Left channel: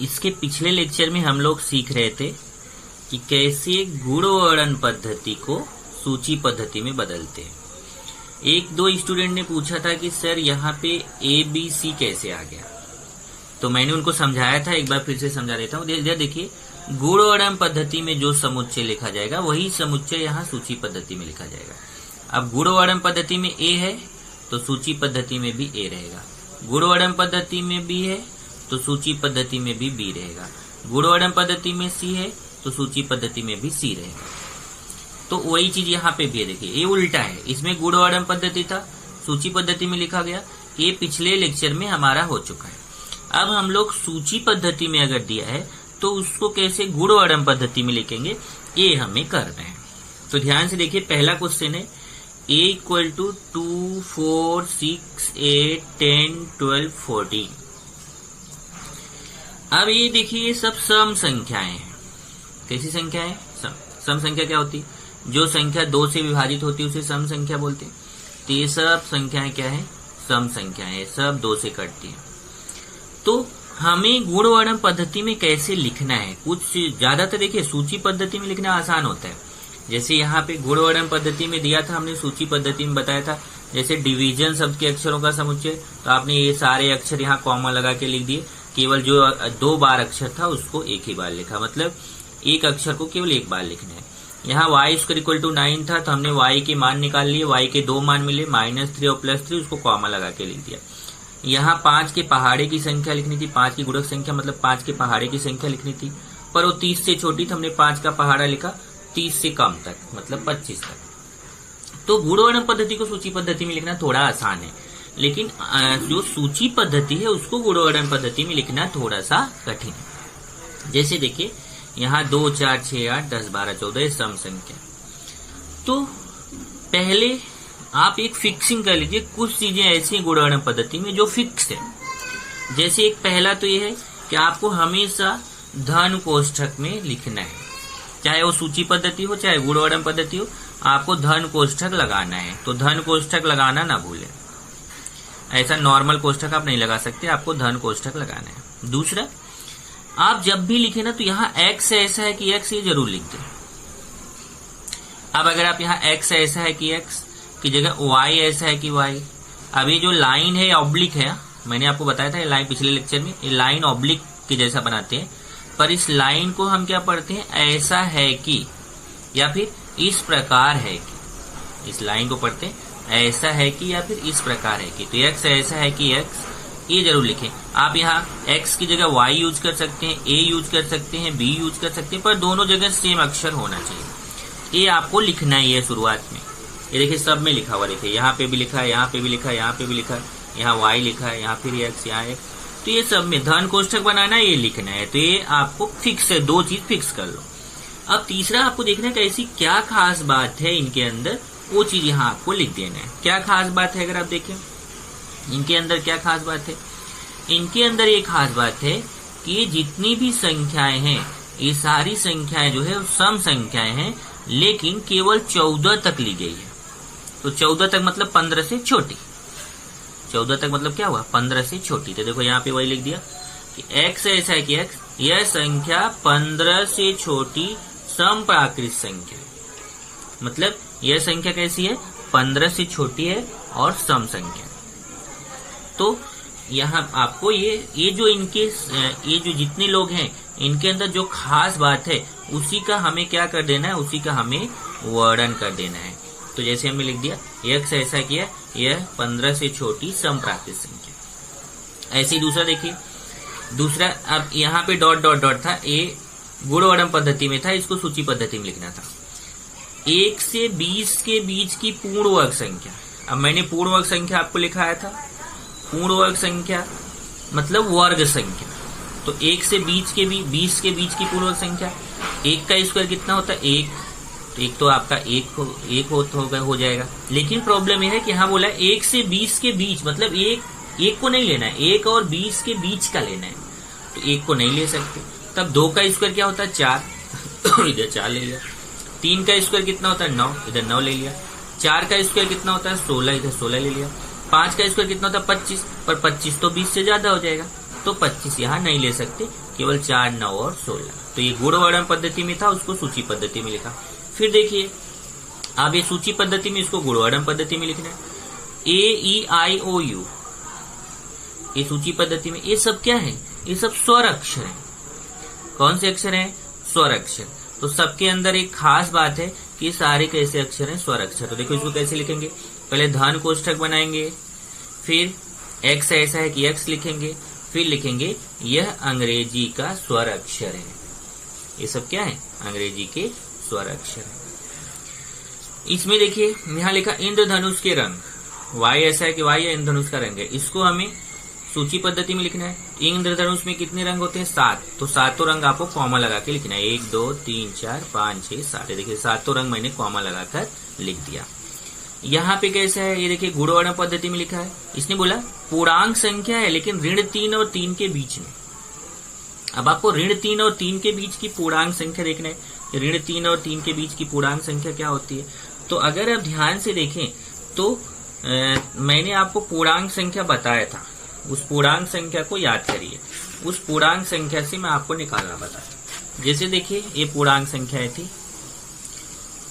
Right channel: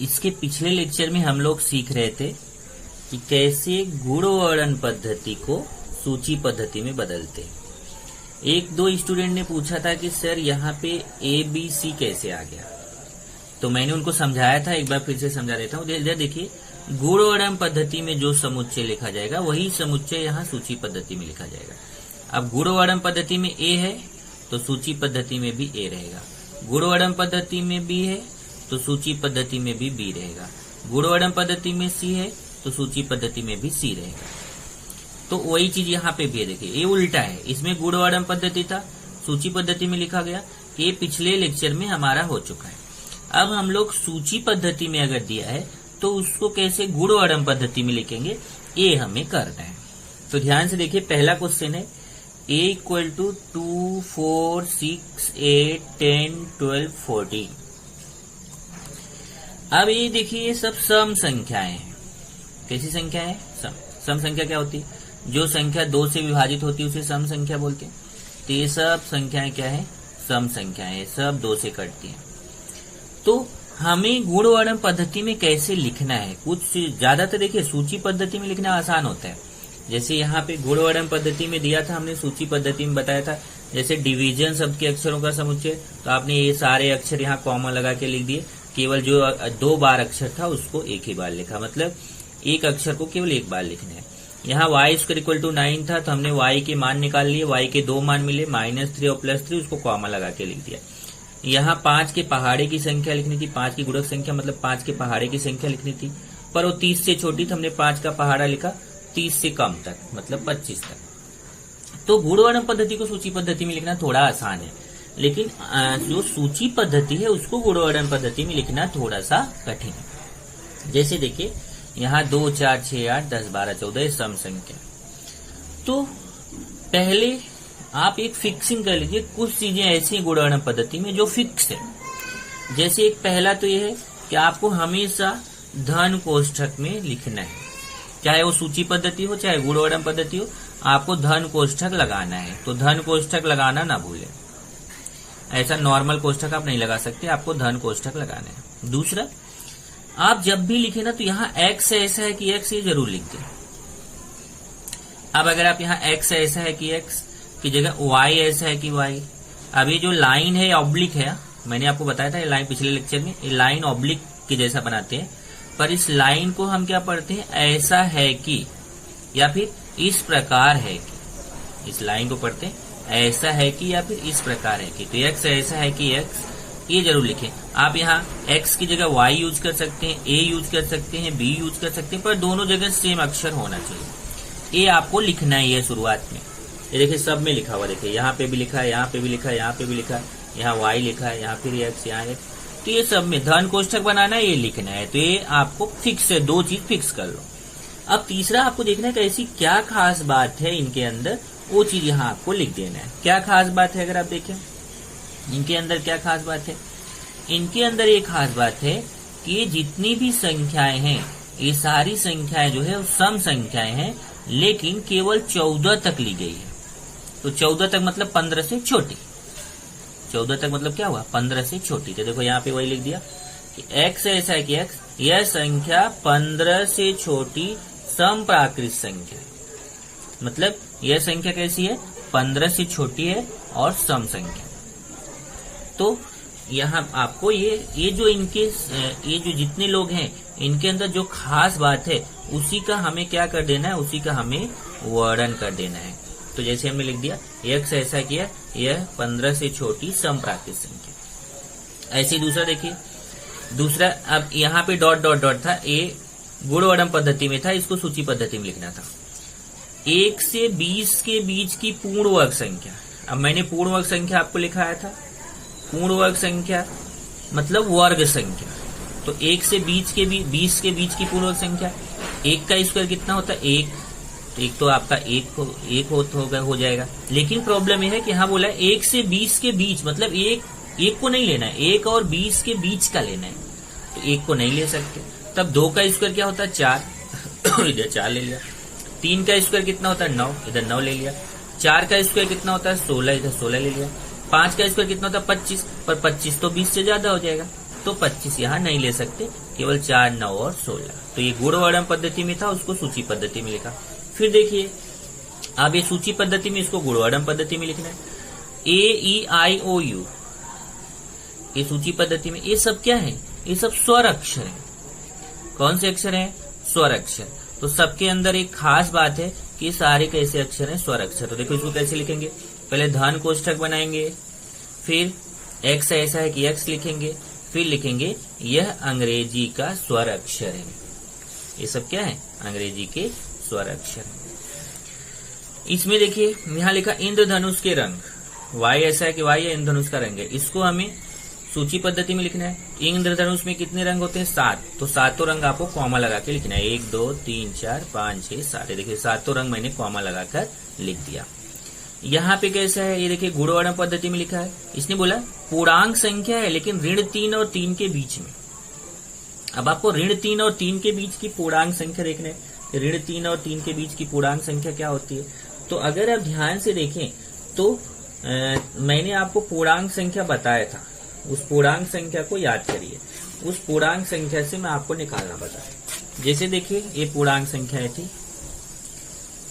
इसके पिछले लेक्चर में हम लोग सीख रहे थे कि कैसे गुणवर्णन पद्धति को सूची पद्धति में बदलते हैं। एक दो स्टूडेंट ने पूछा था कि सर यहाँ पे ABC कैसे आ गया, तो मैंने उनको समझाया था, एक बार फिर से समझा देता हूँ। देखिए, गुणवर्णन पद्धति में जो समुच्चय लिखा जाएगा वही समुच्चय यहाँ सूची पद्धति में लिखा जाएगा। अब गुणवर्णन पद्धति में A है तो सूची पद्धति में भी A रहेगा, गुणवर्णन पद्धति में B है तो सूची पद्धति में भी B रहेगा, गुणवर्णन पद्धति में C है तो सूची पद्धति में भी C रहेगा। तो वही चीज यहाँ पे भी है। देखिए, ये उल्टा है, इसमें गुणवर्णन पद्धति था, सूची पद्धति में लिखा गया। ये पिछले लेक्चर में हमारा हो चुका है। अब हम लोग सूची पद्धति में अगर दिया है तो उसको कैसे गुणवर्णन पद्धति में लिखेंगे, ये हमें करना है। तो ध्यान से देखिए, पहला क्वेश्चन है A इक्वल टू 2, 4, 6, 8, 10, 12, 14। अब ये देखिए, ये सब सम संख्याएं हैं। कैसी संख्या है? सम संख्या क्या होती है? जो संख्या 2 से विभाजित होती है उसे सम संख्या बोलते हैं। तो ये सब संख्याएं क्या है? सम संख्याएं हैं, सब 2 से कटती हैं। तो हमें गुणवर्णन पद्धति में कैसे लिखना है? कुछ ज्यादातर देखिए, सूची पद्धति में लिखना आसान होता है। जैसे यहाँ पे गुणवर्णन पद्धति में दिया था, हमने सूची पद्धति में बताया था, जैसे डिवीजन शब्द के अक्षरों का समुच्चय, तो आपने ये सारे अक्षर यहाँ कॉमा लगा के लिख दिए। केवल जो 2 बार अक्षर था उसको एक ही बार लिखा, मतलब एक अक्षर को केवल एक बार लिखना है। यहाँ y² इक्वल टू 9 था तो हमने y के मान निकाल लिए, y के 2 मान मिले, -3 और +3, उसको कॉमा लगा के लिख दिया। यहाँ 5 के पहाड़े की संख्या लिखनी थी, 5 की गुणक संख्या मतलब 5 के पहाड़े की संख्या लिखनी थी, पर वो 30 से छोटी तो हमने 5 का पहाड़ा लिखा, 30 से कम तक मतलब 25 तक। तो गुणवर्णन पद्धति को सूची पद्धति में लिखना थोड़ा आसान है, लेकिन जो सूची पद्धति है उसको गुणवर्णन पद्धति में लिखना थोड़ा सा कठिन है। जैसे देखिए, यहाँ 2, 4, 6, 8, 10, 12, 14 सम संख्या। तो पहले आप एक फिक्सिंग कर लीजिए, कुछ चीजें ऐसी हैं गुणवर्णन पद्धति में जो फिक्स है। जैसे एक पहला तो ये है कि आपको हमेशा धन कोष्ठक में लिखना है, चाहे वो सूची पद्धति हो चाहे गुणवर्णन पद्धति हो, आपको धन कोष्ठक लगाना है। तो धन कोष्ठक लगाना ना भूलें, ऐसा नॉर्मल कोष्ठक आप नहीं लगा सकते, आपको धन कोष्ठक लगाना है। दूसरा, आप जब भी लिखे ना तो यहाँ x ऐसा है कि x, ये जरूर लिख दें। अब अगर आप यहाँ x ऐसा है कि x की जगह y ऐसा है कि y, अब ये जो लाइन है ऑब्लिक है, मैंने आपको बताया था ये लाइन पिछले लेक्चर में, ये लाइन ऑब्लिक की जैसा बनाते हैं, पर इस लाइन को हम क्या पढ़ते हैं? ऐसा है कि, या फिर इस प्रकार है कि। इस लाइन को पढ़ते हैं ऐसा है कि या फिर इस प्रकार है कि। तो x ऐसा है कि x, ये जरूर लिखें। आप यहाँ x की जगह y यूज कर सकते हैं, a यूज कर सकते हैं, b यूज कर सकते हैं, पर दोनों जगह सेम अक्षर होना चाहिए। ये आपको लिखना ही है शुरुआत में। ये देखिए, सब में लिखा हुआ, देखिए यहाँ पे भी लिखा है, यहाँ पे भी लिखा है, यहाँ पे भी लिखा है, यहाँ y लिखा है, यहाँ फिर x, यहाँ x। तो ये सब में धन कोष्ठक बनाना है, ये लिखना है। तो ये आपको फिक्स है, 2 चीज फिक्स कर लो। अब तीसरा आपको देखना है कि ऐसी क्या खास बात है इनके अंदर, वो चीज यहाँ आपको लिख देना है। क्या खास बात है? अगर आप देखें इनके अंदर क्या खास बात है, इनके अंदर ये खास बात है कि ये जितनी भी संख्याएं हैं, ये सारी संख्याएं जो है वो सम संख्याएं हैं, लेकिन केवल 14 तक ली गई है। तो 14 तक मतलब 15 से छोटी। 14 तक मतलब क्या हुआ? 15 से छोटी। तो देखो यहाँ पे वही लिख दिया कि x ऐसा है कि x, यह संख्या 15 से छोटी सम प्राकृत संख्या, मतलब यह संख्या कैसी है? 15 से छोटी है और सम संख्या। तो यहाँ आपको ये जो इनके ये जो जितने लोग हैं इनके अंदर जो खास बात है उसी का हमें क्या कर देना है? उसी का हमें वर्णन कर देना है। तो जैसे हमने लिख दिया x ऐसा किया, यह 15 से छोटी सम प्राकृत संख्या। ऐसे ही दूसरा देखिए, दूसरा अब यहाँ पे डॉट डॉट डॉट था, ये गुणवर्णन पद्धति में था, इसको सूची पद्धति में लिखना था। 1 से 20 के बीच की पूर्ण वर्ग संख्या। अब मैंने पूर्ण वर्ग संख्या आपको लिखाया था, पूर्ण वर्ग संख्या मतलब वर्ग संख्या। तो 1 से 20 के बीच की पूर्ण वर्ग संख्या, 1 का स्क्वायर कितना होता है? 1। एक तो आपका एक हो जाएगा, लेकिन प्रॉब्लम यह है कि यहाँ बोला है 1 से 20 के बीच, मतलब एक को नहीं लेना है, 1 और 20 के बीच का लेना है। तो 1 को नहीं ले सकते, तब 2 का स्क्वायर क्या होता है? 4, इधर 4 ले लिया। 3 का स्क्वायर कितना होता है? 9, इधर 9 ले लिया। 4 का स्क्वायर कितना होता है? 16, इधर 16 ले लिया। 5 का स्क्वायर कितना होता है? 25, पर 25 तो 20 से ज्यादा हो जाएगा, तो 25 यहाँ नहीं ले सकते, केवल 4, 9 और 16। तो ये गुणवर्णन पद्धति में था, उसको सूची पद्धति में लिखा। फिर देखिए अब ये सूची पद्धति में, इसको गुणवर्णन पद्धति में लिखना है। AEIOU ये सूची पद्धति में, ये सब क्या है? ये सब स्वर अक्षर है। कौन से अक्षर हैं? स्वर अक्षर। तो सबके अंदर एक खास बात है कि सारे कैसे अक्षर हैं? स्वर अक्षर। तो देखो इसको कैसे लिखेंगे, पहले धन कोष्ठक बनाएंगे, फिर x ऐसा है कि x लिखेंगे, फिर लिखेंगे यह अंग्रेजी का स्वर अक्षर है। ये सब क्या है? अंग्रेजी के स्वर अक्षर है। इसमें देखिए यहाँ लिखा इंद्रधनुष के रंग, y ऐसा है कि y है, इंद्रधनुष का रंग है। इसको हमें सूची पद्धति में लिखना है। इंद्रधनुष में कितने रंग होते हैं? 7। तो सातों रंग आपको कॉमा लगा के लिखना है। 1 2 3 4 5 6 7। देखिए सातों रंग मैंने कॉमा लगाकर लिख दिया। यहाँ पे कैसा है? ये देखिए गुणवर्णन पद्धति में लिखा है। इसने बोला पूर्णांक संख्या है लेकिन ऋण 3 और 3 के बीच में। अब आपको ऋण 3 और 3 के बीच की पूर्णांक संख्या देखना है। ऋण 3 और 3 के बीच की पूर्णांक संख्या क्या होती है? तो अगर आप ध्यान से देखें तो मैंने आपको पूर्णांक संख्या बताया था, उस पूर्णांक संख्या को याद करिए। उस पूर्णांक संख्या से मैं आपको निकालना बताया। जैसे देखिए ये पूर्णांक संख्या थी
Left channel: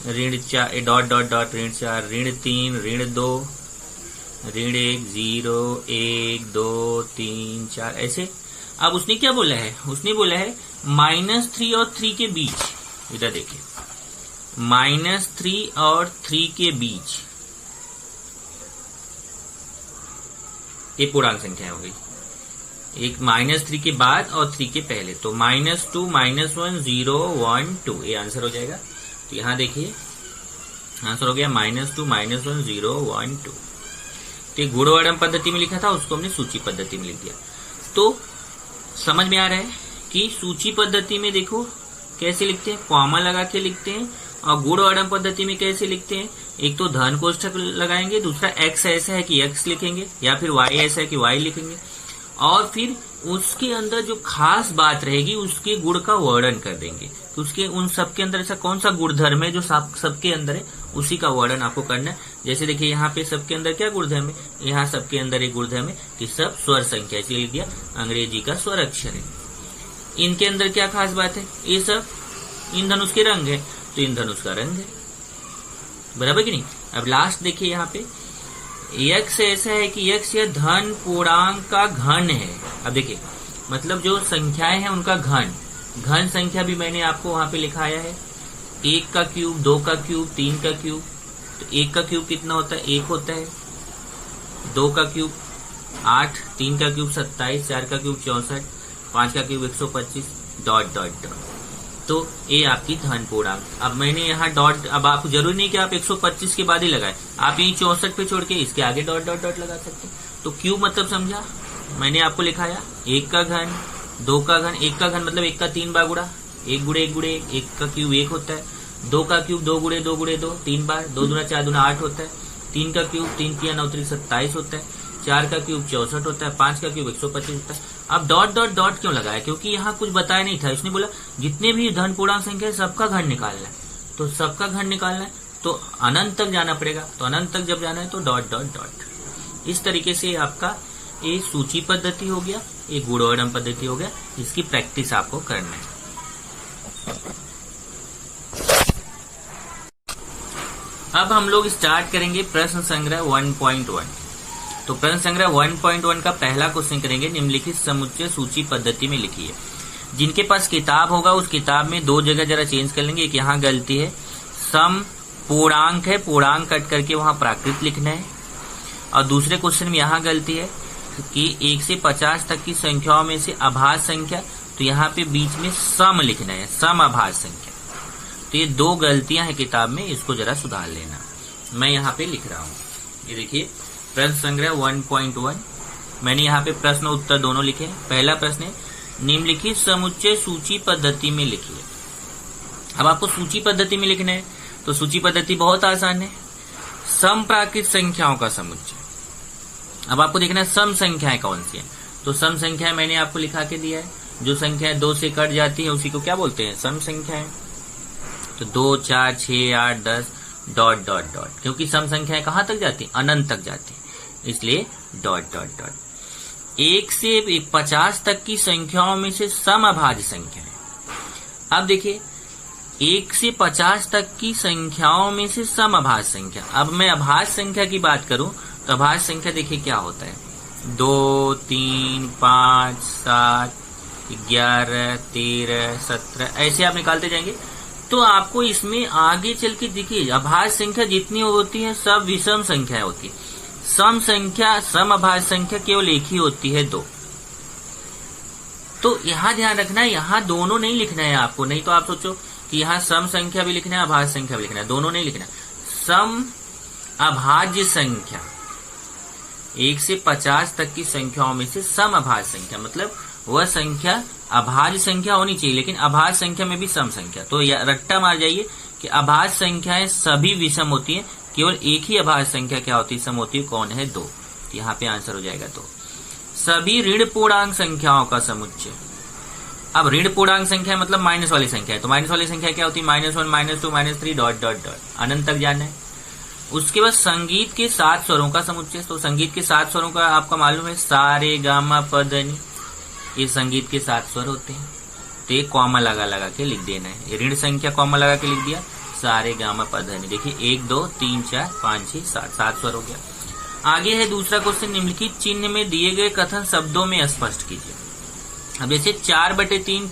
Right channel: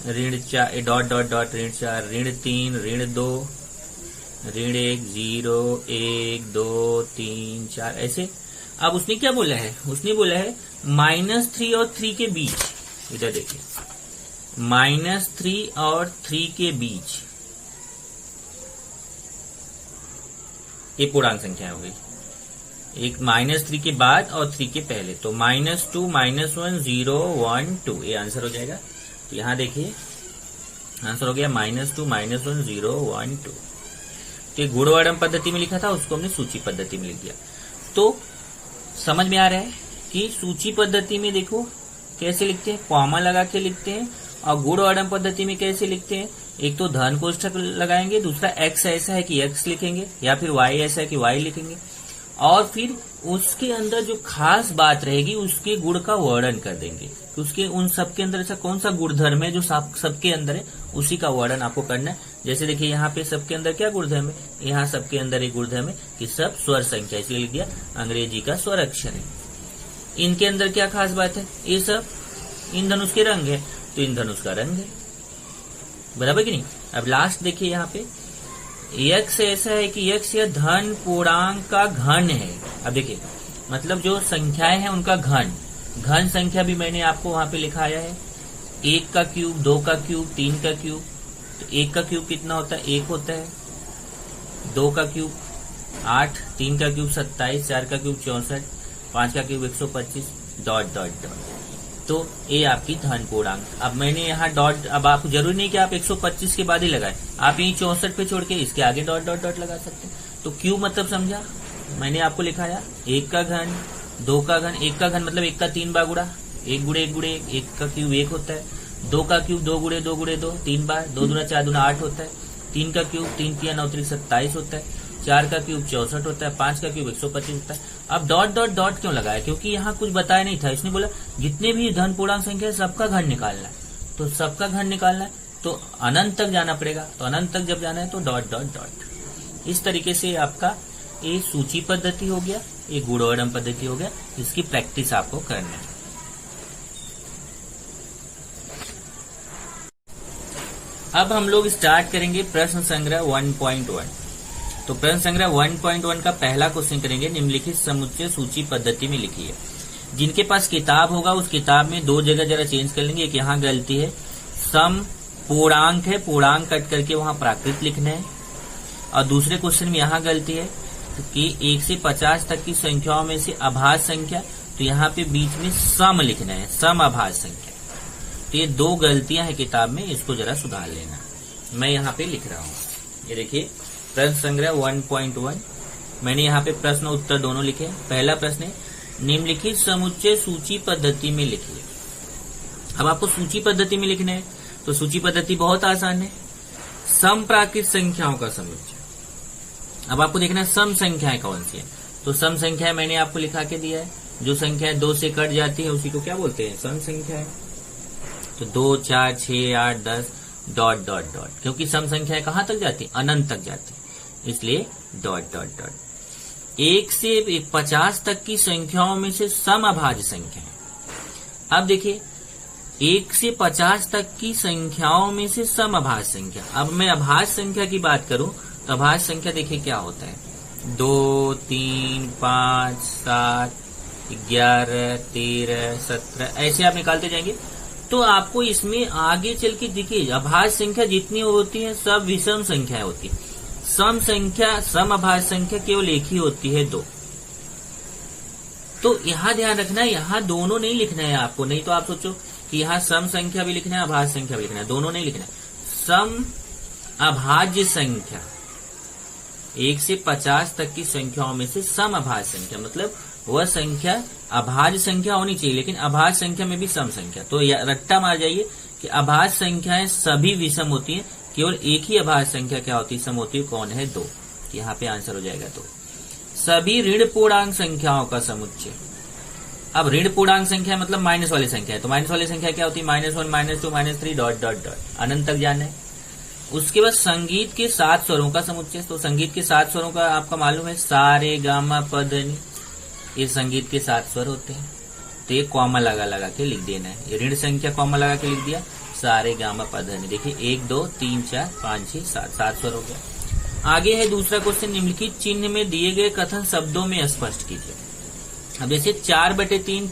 ऋण 4 डॉट डॉट डॉट ऋण 4, ऋण 3, ऋण 2, ऋण 1, 0, 1, 2, 3, 4 ऐसे। अब उसने क्या बोला है? उसने बोला है -3 और 3 के बीच। इधर देखिए -3 और 3 के बीच ये पूर्णांक संख्या हो गई। एक -3 के बाद और 3 के पहले, तो -2, -1, 0, 1, 2 ये आंसर हो जाएगा। तो यहां देखिए आंसर हो गया -2, -1, 0, 1, 2। तो गुणवर्णन पद्धति में लिखा था, उसको हमने सूची पद्धति में लिख दिया। तो समझ में आ रहा है कि सूची पद्धति में देखो कैसे लिखते हैं, कॉमा लगा के लिखते हैं। और गुणवर्णन पद्धति में कैसे लिखते हैं? एक तो धन कोष्ठक लगाएंगे, दूसरा x ऐसा है कि x लिखेंगे, या फिर y ऐसा है कि y लिखेंगे। और फिर उसके अंदर जो खास बात रहेगी उसके गुण का वर्णन कर देंगे। तो उसके उन सबके अंदर ऐसा कौन सा गुणधर्म है जो सबके अंदर है, उसी का वर्णन आपको करना है। जैसे देखिए यहाँ पे सबके अंदर क्या गुणधर्म है? यहाँ सबके अंदर एक गुणधर्म है कि सब स्वर संख्या, इसलिए लिख दिया अंग्रेजी का स्वर अक्षर है। इनके अंदर क्या खास बात है? ये सब इंद्रधनुष के रंग है, तो इंद्रधनुष का रंग है, बराबर कि नहीं। अब लास्ट देखिए यहाँ पे x ऐसा है कि x यह धन पूर्णांक का घन है। अब देखिए मतलब जो संख्याएं हैं उनका घन संख्या भी मैंने आपको वहां पे लिखाया है। 1 का क्यूब, 2 का क्यूब, 3 का क्यूब। तो 1 का क्यूब कितना होता है? 1 होता है। 2 का क्यूब 8, 3 का क्यूब 27, 4 का क्यूब 64, 5 का क्यूब 125 डॉट डॉट डॉट। तो ये आपकी धन पूर्णांक। अब मैंने यहाँ डॉट, अब आपको जरूरी नहीं कि आप 125 के बाद ही लगाए, आप यही 64 पे छोड़ के इसके आगे डॉट डॉट डॉट लगा सकते हैं। तो क्यूब मतलब समझा, मैंने आपको लिखाया 1 का घन, 2 का घन। 1 का घन मतलब 1 का 3 बार गुणा, 1 गुणे 1 गुणे 1 का क्यूब 1 होता है। 2 का क्यूब 2 गुणे 2 गुणे 2 3 बार, 2 दूना 4 दूना 8 होता है। 3 का क्यूब 3 3 9 3 27 होता है। 4 का क्यूब 64 होता है। 5 का क्यूब 125 होता है। अब डॉट डॉट डॉट क्यों लगाया? क्योंकि यहाँ कुछ बताया नहीं था। इसने बोला जितने भी धन पूर्णांक संख्या है सबका घन निकालना है। तो सबका घन निकालना है तो अनंत तक जाना पड़ेगा। तो अनंत तक जब जाना है तो डॉट डॉट डॉट। इस तरीके से आपका ये सूची पद्धति हो गया, ये गुणवर्णन पद्धति हो गया। इसकी प्रैक्टिस आपको करना है। अब हम लोग स्टार्ट करेंगे प्रश्न संग्रह 1.1। तो प्रश्न संग्रह 1.1 का पहला क्वेश्चन करेंगे, निम्नलिखित समुच्चय सूची पद्धति में लिखिए। जिनके पास किताब होगा उस किताब में 2 जगह जरा चेंज कर लेंगे। एक यहाँ गलती है, सम पूर्णांक है, पूर्णांक कट करके वहां प्राकृत लिखना है। और दूसरे क्वेश्चन में यहाँ गलती है कि 1 से 50 तक की संख्याओं में से अभाज्य संख्या, तो यहाँ पे बीच में सम लिखना है, सम अभाज्य संख्या। तो ये 2 गलतियां हैं किताब में, इसको जरा सुधार लेना। मैं यहाँ पे लिख रहा हूँ, ये देखिए प्रश्न संग्रह 1.1। मैंने यहाँ पे प्रश्न उत्तर दोनों लिखे। पहला प्रश्न है निम्नलिखित समुच्चय सूची पद्धति में लिखिए। अब आपको सूची पद्धति में लिखना है, तो सूची पद्धति बहुत आसान है, सम प्राकृत संख्याओं का समुच्चय। अब आपको देखना है सम संख्याएं कौन सी है। तो सम संख्याएं मैंने आपको लिखा के दिया है। जो संख्याएं 2 से कट जाती है उसी को क्या बोलते हैं? सम संख्याएं। तो 2, 4, 6, 8, 10 डॉट डॉट डॉट, क्योंकि सम संख्याएं कहां तक जाती है? अनंत तक जाती है, इसलिए डॉट डॉट डॉट। 1 से 50 तक की संख्याओं में से सम अभाज्य संख्या है। अब देखिए 1 से 50 तक की संख्याओं में से सम अभाज्य संख्या। अब मैं अभाज्य संख्या की बात करूं तो अभाज्य संख्या देखिए क्या होता है, 2, 3, 5, 7, 11, 13, 17 ऐसे आप निकालते जाएंगे तो आपको इसमें आगे चल के देखिए अभाज्य संख्या जितनी होती है सब विषम संख्या होती है। सम संख्या, सम अभाज्य संख्या केवल एक ही होती है, 2। तो यहाँ ध्यान रखना है, यहाँ दोनों नहीं लिखना है आपको, नहीं तो आप सोचो कि यहाँ सम संख्या भी लिखना है, अभाज्य संख्या भी लिखना है, दोनों नहीं लिखना है। सम अभाज्य संख्या 1 से 50 तक की संख्याओं में से सम अभाज्य संख्या, मतलब वह संख्या अभाज्य संख्या होनी चाहिए लेकिन अभाज्य संख्या में भी सम संख्या। तो रट्टा मार जाइए कि अभाज्य संख्याएं सभी विषम होती हैं, केवल एक ही अभाज्य संख्या क्या होती है, सम होती है, कौन है, 2। यहाँ पे आंसर हो जाएगा 2। सभी ऋण पूर्णांक संख्याओं का समुच्चय। अब ऋण पूर्णांक संख्या मतलब माइनस वाली संख्या है, तो माइनस वाली संख्या क्या होती है, -1, -2, -3 डॉट डॉट डॉट अनंत तक जाना है। उसके बाद संगीत के 7 स्वरों का समुच्चय। तो संगीत के 7 स्वरों का आपका मालूम है, सा रे गा मा प ध नि, ये संगीत के 7 स्वर होते हैं। तो ये कॉमा लगा के लिख देना है, ऋण संख्या कॉमा लगा के लिख दिया, सा रे गा मा प ध नि। देखिए 1, 2, 3, 4, 5, 6, 7 स्वर हो गया। आगे है दूसरा क्वेश्चन, निम्नलिखित चिन्ह में दिए गए कथन शब्दों में स्पष्ट कीजिए। अब जैसे 4/3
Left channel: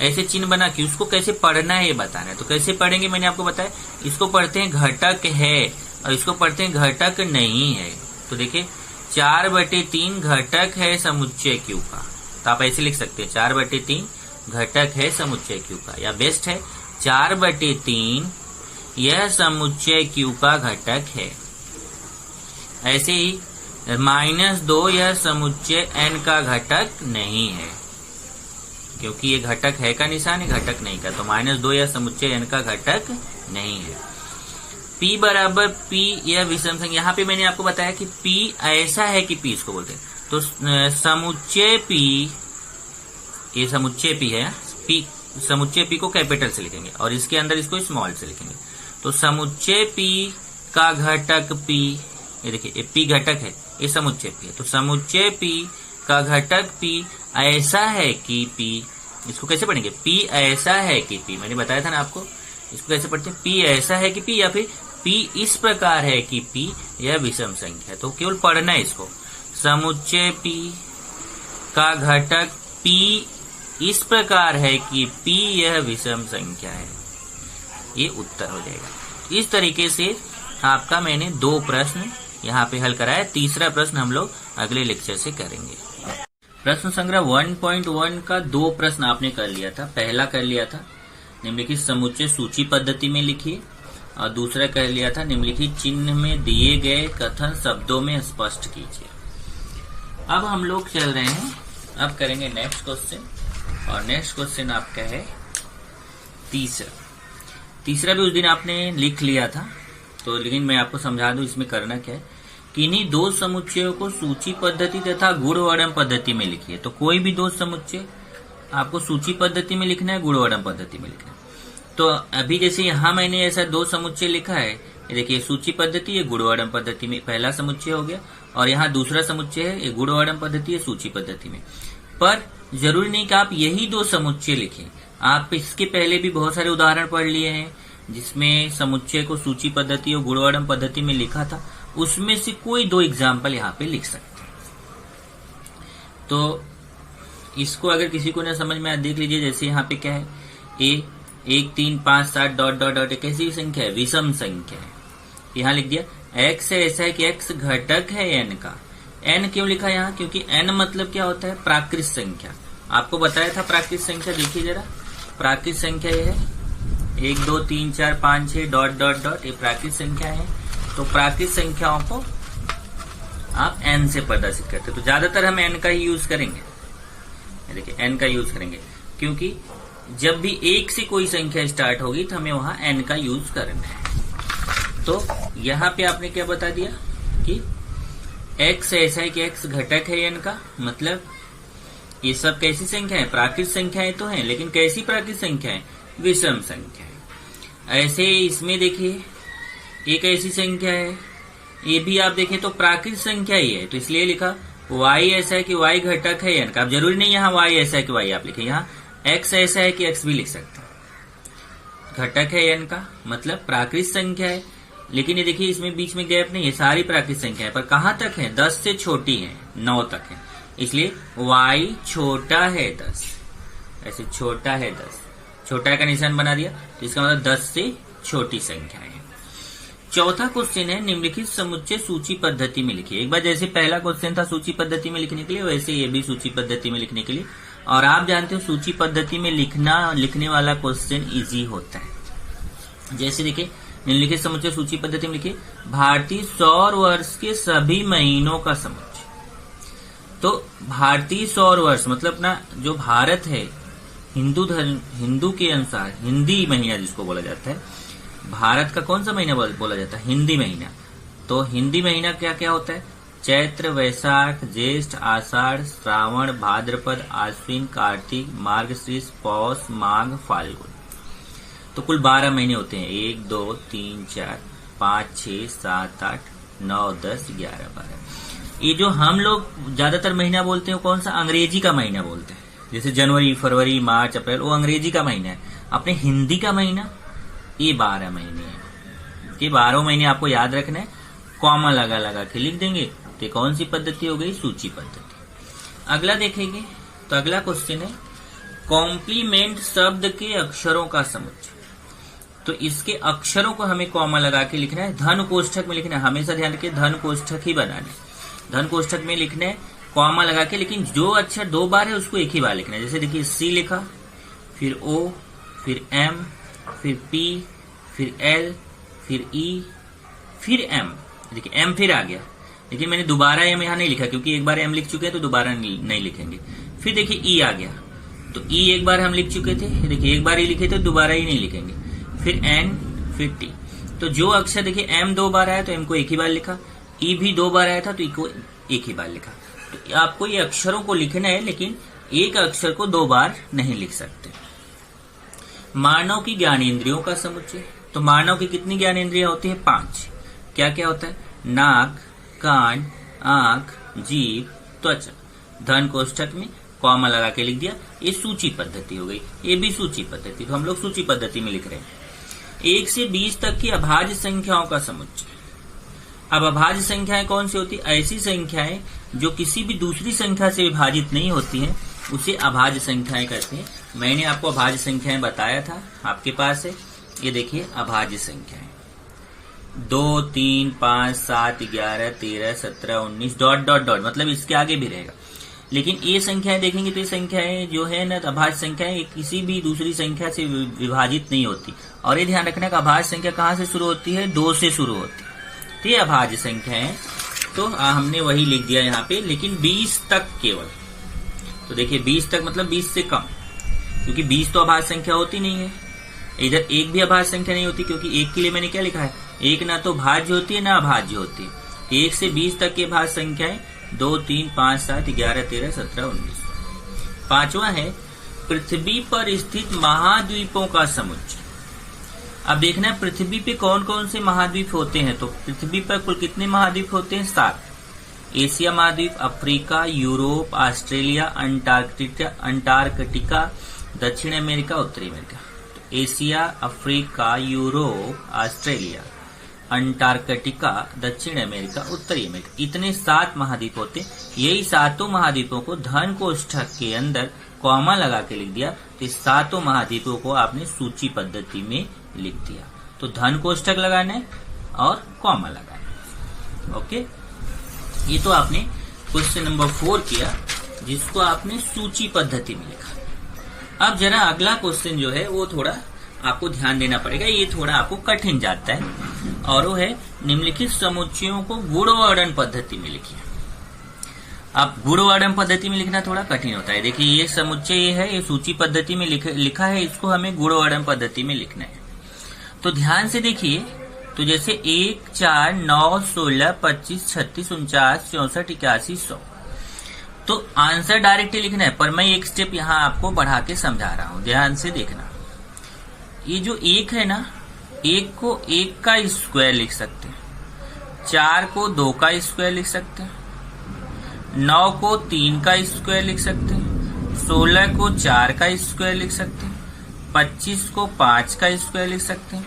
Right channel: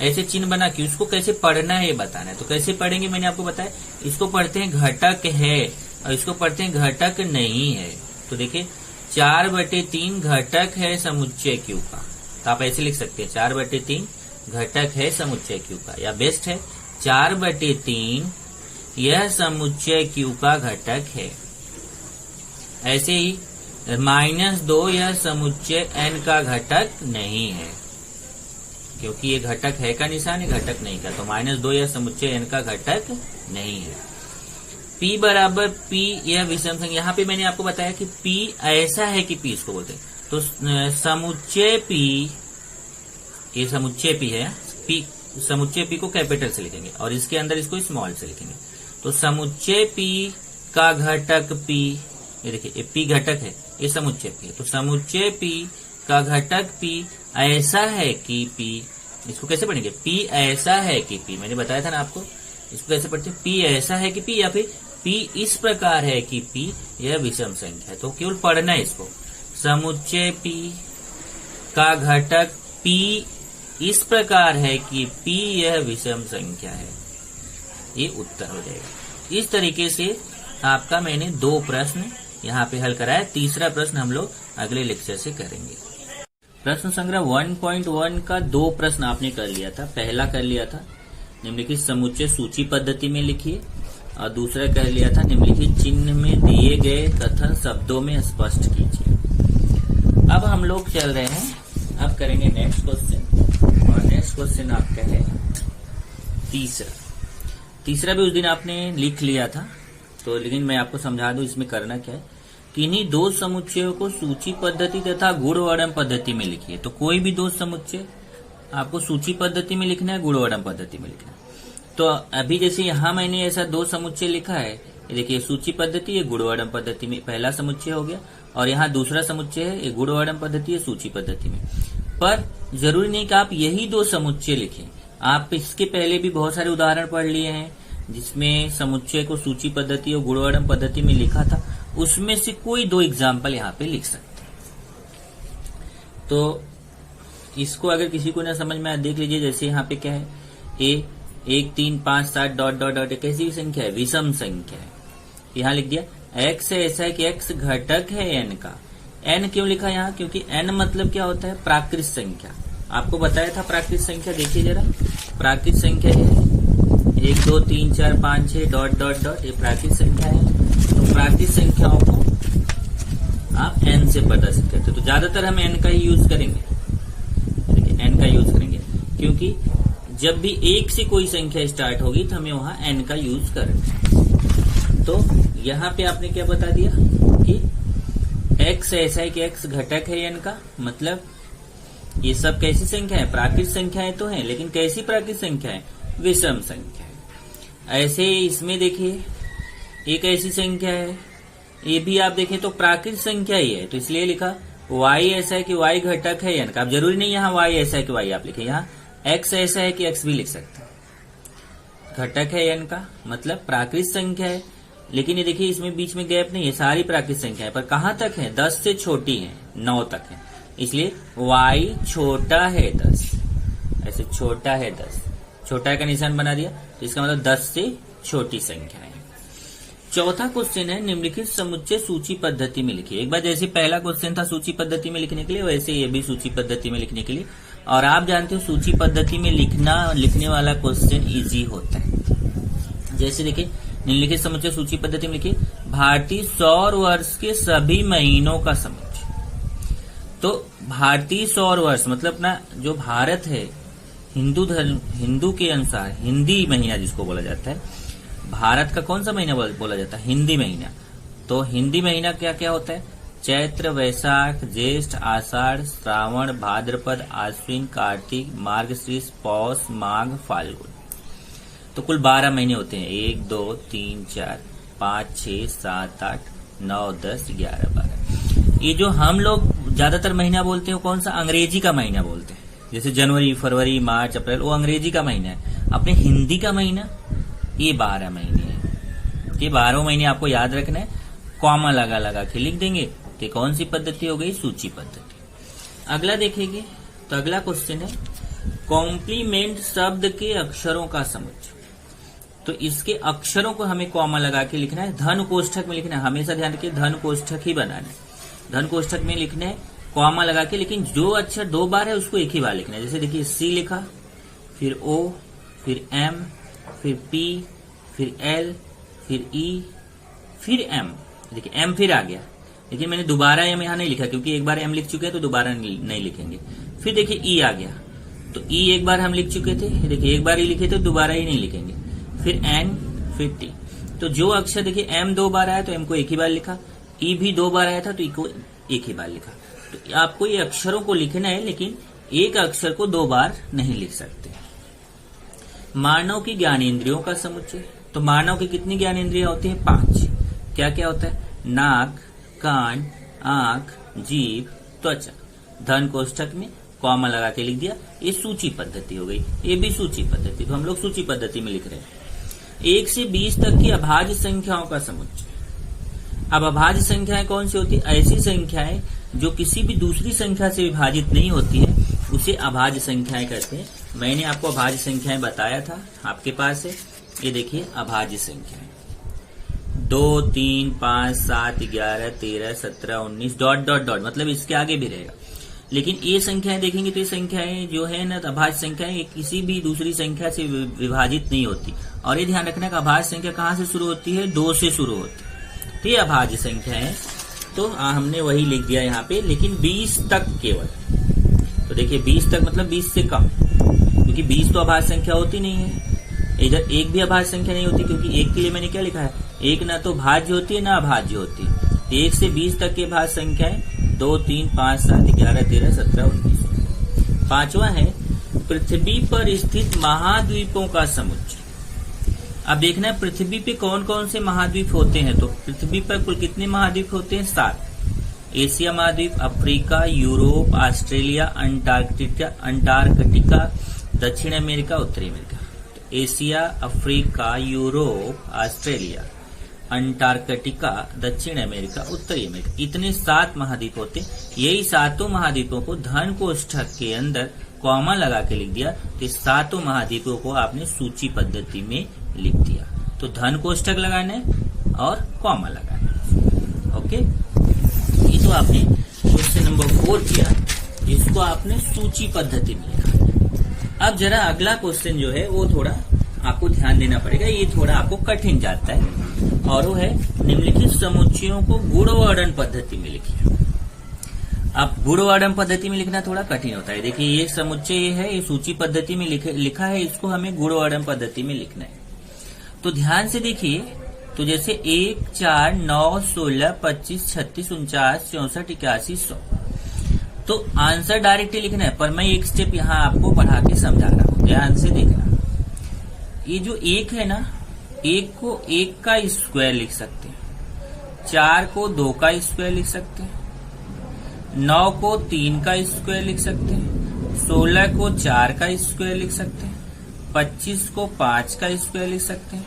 ऐसे चिन्ह बना के उसको कैसे पढ़ना है ये बताना है। तो कैसे पढ़ेंगे मैंने आपको बताया, इसको पढ़ते हैं घटक है और इसको पढ़ते हैं घटक नहीं है। तो देखिए 4/3 घटक है समुच्चय क्यू का, तो आप ऐसे लिख सकते हैं 4/3 घटक है समुच्चय क्यू का, या बेस्ट है 4/3 यह समुच्चय क्यू का घटक है। ऐसे ही -2 यह समुच्चय n का घटक नहीं है, क्योंकि ये घटक है का निशान है, घटक नहीं का, तो -2 यह समुच्चय n का घटक नहीं है। p बराबर p यह विषम संख्या। यहाँ पे मैंने आपको बताया कि p ऐसा है कि p इसको बोलते हैं, तो समुच्चय p, ये समुच्चय p है, p समुच्चय p को कैपिटल से लिखेंगे और इसके अंदर इसको स्मॉल से लिखेंगे। तो समुच्चय p का घटक p, ये देखिए p घटक है, ये समुच्चय p है, तो समुच्चय p का घटक p ऐसा है कि p, इसको कैसे पढ़ेंगे, p ऐसा है कि p, मैंने बताया था ना आपको, इसको कैसे पढ़ते हैं, p ऐसा है कि p, या फिर p इस प्रकार है कि p यह विषम संख्या है। तो केवल पढ़ना है इसको, समुच्चय p का घटक p इस प्रकार है कि p यह विषम संख्या है, ये उत्तर हो जाएगा। इस तरीके से आपका मैंने 2 प्रश्न यहाँ पे हल कराया। तीसरा प्रश्न हम लोग अगले लेक्चर से करेंगे। प्रश्न संग्रह 1.1 का 2 प्रश्न आपने कर लिया था। पहला कर लिया था निम्नलिखित समुच्चय सूची पद्धति में लिखिए, और दूसरा कर लिया था निम्नलिखित चिन्ह में दिए गए कथन शब्दों में स्पष्ट कीजिए। अब हम लोग चल रहे हैं, अब करेंगे नेक्स्ट क्वेश्चन, और नेक्स्ट क्वेश्चन आपका है तीसरा भी उस दिन आपने लिख लिया था, तो लेकिन मैं आपको समझा दूं इसमें करना क्या है। किन्हीं 2 समुच्चयों को सूची पद्धति तथा गुणवर्णन पद्धति में लिखिए। तो कोई भी 2 समुच्चय आपको सूची पद्धति में लिखना है, गुणवर्णन पद्धति में लिखना है। तो अभी जैसे यहाँ मैंने ऐसा 2 समुच्चय लिखा है, ये देखिए सूची पद्धति, ये गुणवर्णन पद्धति में पहला समुच्चय हो गया, और यहाँ दूसरा समुच्चय है, ये गुणवर्णन पद्धति है सूची पद्धति में। पर जरूरी नहीं कि आप यही 2 समुच्चय लिखें, आप इसके पहले भी बहुत सारे उदाहरण पढ़ लिए हैं जिसमें समुच्चय को सूची पद्धति और गुणवर्णन पद्धति में लिखा था, उसमें से कोई 2 एग्जाम्पल यहाँ पे लिख सकते हैं। तो इसको अगर किसी को ना समझ में आए देख लीजिए, जैसे यहाँ पे क्या है, a 1, 3, 5, 7 डॉट डॉट डॉट, कैसी संख्या है, विषम संख्या है। यहाँ लिख दिया x है, ऐसा है कि x घटक है n का। n क्यों लिखा यहाँ, क्योंकि n मतलब क्या होता है, प्राकृत संख्या। आपको बताया था प्राकृत संख्या, देखिए जरा, प्राकृत संख्या है 1, 2, 3, 4, 5, 6 डॉट डॉट डॉट, ये प्राकृत संख्या है। तो प्राकृत संख्याओं को आप n से प्रदर्शित करते हैं, तो ज्यादातर हम n का ही यूज करेंगे। देखिए n का यूज करेंगे, क्योंकि जब भी 1 से कोई संख्या स्टार्ट होगी तो हमें वहां n का यूज करना है। तो यहाँ पे आपने क्या बता दिया कि x ऐसा है कि x घटक है n का, मतलब ये सब कैसी संख्या है, प्राकृत संख्याएं तो हैं, लेकिन कैसी प्राकृत संख्या है, विषम संख्या है। ऐसे इसमें देखिए एक ऐसी संख्या है, ये भी आप देखें तो प्राकृत संख्या ही है, तो इसलिए लिखा y ऐसा है कि y घटक है n का। अब जरूरी नहीं यहाँ y ऐसा है कि y आप लिखें, यहाँ x ऐसा है कि x भी लिख सकते हैं। घटक है n का मतलब प्राकृत संख्या है, लेकिन ये देखिए इसमें बीच में गैप नहीं है, सारी प्राकृत संख्या है, पर कहाँ तक है, 10 से छोटी है, 9 तक है, इसलिए y छोटा है 10, ऐसे छोटा है 10, छोटा का निशान बना दिया, तो इसका मतलब 10 से छोटी संख्या है। चौथा क्वेश्चन है निम्नलिखित समुच्चय सूची पद्धति में लिखिए। एक बार जैसे पहला क्वेश्चन था सूची पद्धति में लिखने के लिए, वैसे ये भी सूची पद्धति में लिखने के लिए। और आप जानते हो सूची पद्धति में लिखने वाला क्वेश्चन इजी होता है। जैसे देखिए निम्नलिखित समुच्चय सूची पद्धति में लिखिए, भारतीय सौर वर्ष के सभी महीनों का समुच्चय। तो भारतीय सौर वर्ष मतलब अपना जो भारत है, हिंदू के अनुसार हिंदी महीना जिसको बोला जाता है, भारत का कौन सा महीना बोला जाता है, हिंदी महीना। तो हिंदी महीना क्या क्या होता है, चैत्र, वैशाख, ज्येष्ठ, आषाढ़, श्रावण, भाद्रपद, आश्विन, कार्तिक, मार्गशीर्ष, पौष, माघ, फाल्गुन। तो कुल 12 महीने होते हैं, 1 2 3 4 5 6 7 8 9 10 11 12। ये जो हम लोग ज्यादातर महीना बोलते हैं कौन सा, अंग्रेजी का महीना बोलते हैं। जैसे जनवरी, फरवरी, मार्च, अप्रैल, वो अंग्रेजी का महीना है। अपने हिंदी का महीना ये 12 महीने हैं। ये 12 महीने आपको याद रखना है, कॉमा लगा लगा के लिख देंगे। तो कौन सी पद्धति हो गई, सूची पद्धति। अगला देखेंगे तो अगला क्वेश्चन है कॉम्प्लीमेंट शब्द के अक्षरों का समुच्चय। तो इसके अक्षरों को हमें कॉमा लगा के लिखना है, धन कोष्ठक में लिखना है। हमेशा ध्यान रखिए धन कोष्ठक ही बनाने, धन कोष्ठक में लिखना है कॉमा लगा के, लेकिन जो अक्षर 2 बार है उसको एक ही बार लिखना है। जैसे देखिए सी लिखा, फिर ओ, फिर एम, फिर पी, फिर एल, फिर ई, फिर एम। देखिए एम फिर आ गया, लेकिन मैंने दोबारा एम यहाँ नहीं लिखा क्योंकि एक बार एम लिख चुके हैं तो दोबारा नहीं लिखेंगे। फिर देखिए ई आ गया, तो ई एक बार हम लिख चुके थे, देखिए एक बार ही लिखे तो दोबारा ही नहीं लिखेंगे। फिर एन, फिर टी। तो जो अक्षर देखिए एम 2 बार आया तो एम को एक ही बार लिखा, ई भी 2 बार आया था तो ई को एक ही बार लिखा। तो आपको ये अक्षरों को लिखना है, लेकिन एक अक्षर को 2 बार नहीं लिख सकते। मानव की ज्ञानेंद्रियों का समुच्चय। तो मानव की कितनी ज्ञानेंद्रियां होती है, 5। क्या क्या होता है, नाक, कान, आंख, जीभ, त्वचा। धन कोष्ठक में कॉमा लगा के लिख दिया। ये सूची पद्धति हो गई, ये भी सूची पद्धति। तो हम लोग सूची पद्धति में लिख रहे हैं। 1 से 20 तक की अभाज्य संख्याओं का समुच्चय। अब अभाज्य संख्याएं कौन सी होती है, ऐसी संख्याएं जो किसी भी दूसरी संख्या से विभाजित नहीं होती है, उसे अभाज्य संख्याएं कहते हैं। मैंने आपको अभाज्य संख्याएं बताया था, आपके पास है, ये देखिए अभाज्य संख्याएं 2 3 5 7 11 13 17 19 डॉट डॉट डॉट, मतलब इसके आगे भी रहेगा। लेकिन ये संख्याएं देखेंगे तो ये संख्याएं जो है ना, अभाज्य संख्याएं किसी भी दूसरी संख्या से विभाजित नहीं होती। और ये ध्यान रखना कि अभाज्य संख्या कहाँ से शुरू होती है, 2 से शुरू होती है। तो ये अभाज्य संख्या है, तो हमने वही लिख दिया यहाँ पे, लेकिन 20 तक केवल। तो देखिए 20 तक मतलब 20 से कम, क्योंकि 20 तो अभाज्य संख्या होती नहीं है। इधर एक भी अभाज्य संख्या नहीं होती, क्योंकि एक के लिए मैंने क्या लिखा है, एक ना तो भाज्य होती है ना अभाज्य होती है। 1 से 20 तक के भाज्य संख्याएं 2 3 5 7 11 13 17 19। 5वां है पृथ्वी पर स्थित महाद्वीपों का समुच्चय। अब देखना है पृथ्वी पे कौन कौन से महाद्वीप होते हैं। तो पृथ्वी पर कुल कितने महाद्वीप होते हैं, 7। एशिया महाद्वीप, अफ्रीका, यूरोप, ऑस्ट्रेलिया, अंटार्कटिका, दक्षिण अमेरिका, उत्तरी अमेरिका। तो Asia, Africa, Europe, Australia, Antarctica, दक्षिण अमेरिका, उत्तरी अमेरिका, इतने 7 महाद्वीप होते हैं। यही 7 महाद्वीपों को धन कोष्ठक के अंदर कॉमा लगा के लिख दिया। तो 7 महाद्वीपों को आपने सूची पद्धति में लिख दिया। तो धन कोष्ठक लगाना है और कॉमा लगाना है। ओके, ये तो आपने क्वेश्चन नंबर 4 किया, जिसको आपने सूची पद्धति में लिखा। अब जरा अगला क्वेश्चन जो है वो थोड़ा आपको ध्यान देना पड़ेगा, ये थोड़ा आपको कठिन जाता है, और वो है निम्नलिखित समुच्चयों को गुणवर्णन पद्धति में लिखिए। अब गुणवर्णन पद्धति में लिखना थोड़ा कठिन होता है। देखिए ये समुच्चय है, ये सूची पद्धति में लिखा है, इसको हमें गुणवर्णन पद्धति में लिखना है। तो ध्यान से देखिए, तो जैसे 1 4 9 16 25 36 49 64 81 100। तो आंसर डायरेक्टली लिखना है, पर मैं एक स्टेप यहाँ आपको बढ़ा के समझा रहा हूँ, ध्यान से देखना। ये जो 1 है ना, 1 को 1 का स्क्वायर लिख सकते हैं, 4 को 2 का स्क्वायर लिख सकते हैं, 9 को 3 का स्क्वायर लिख सकते हैं, 16 को 4 का स्क्वायर लिख सकते हैं, 25 को 5 का स्क्वायर लिख सकते हैं,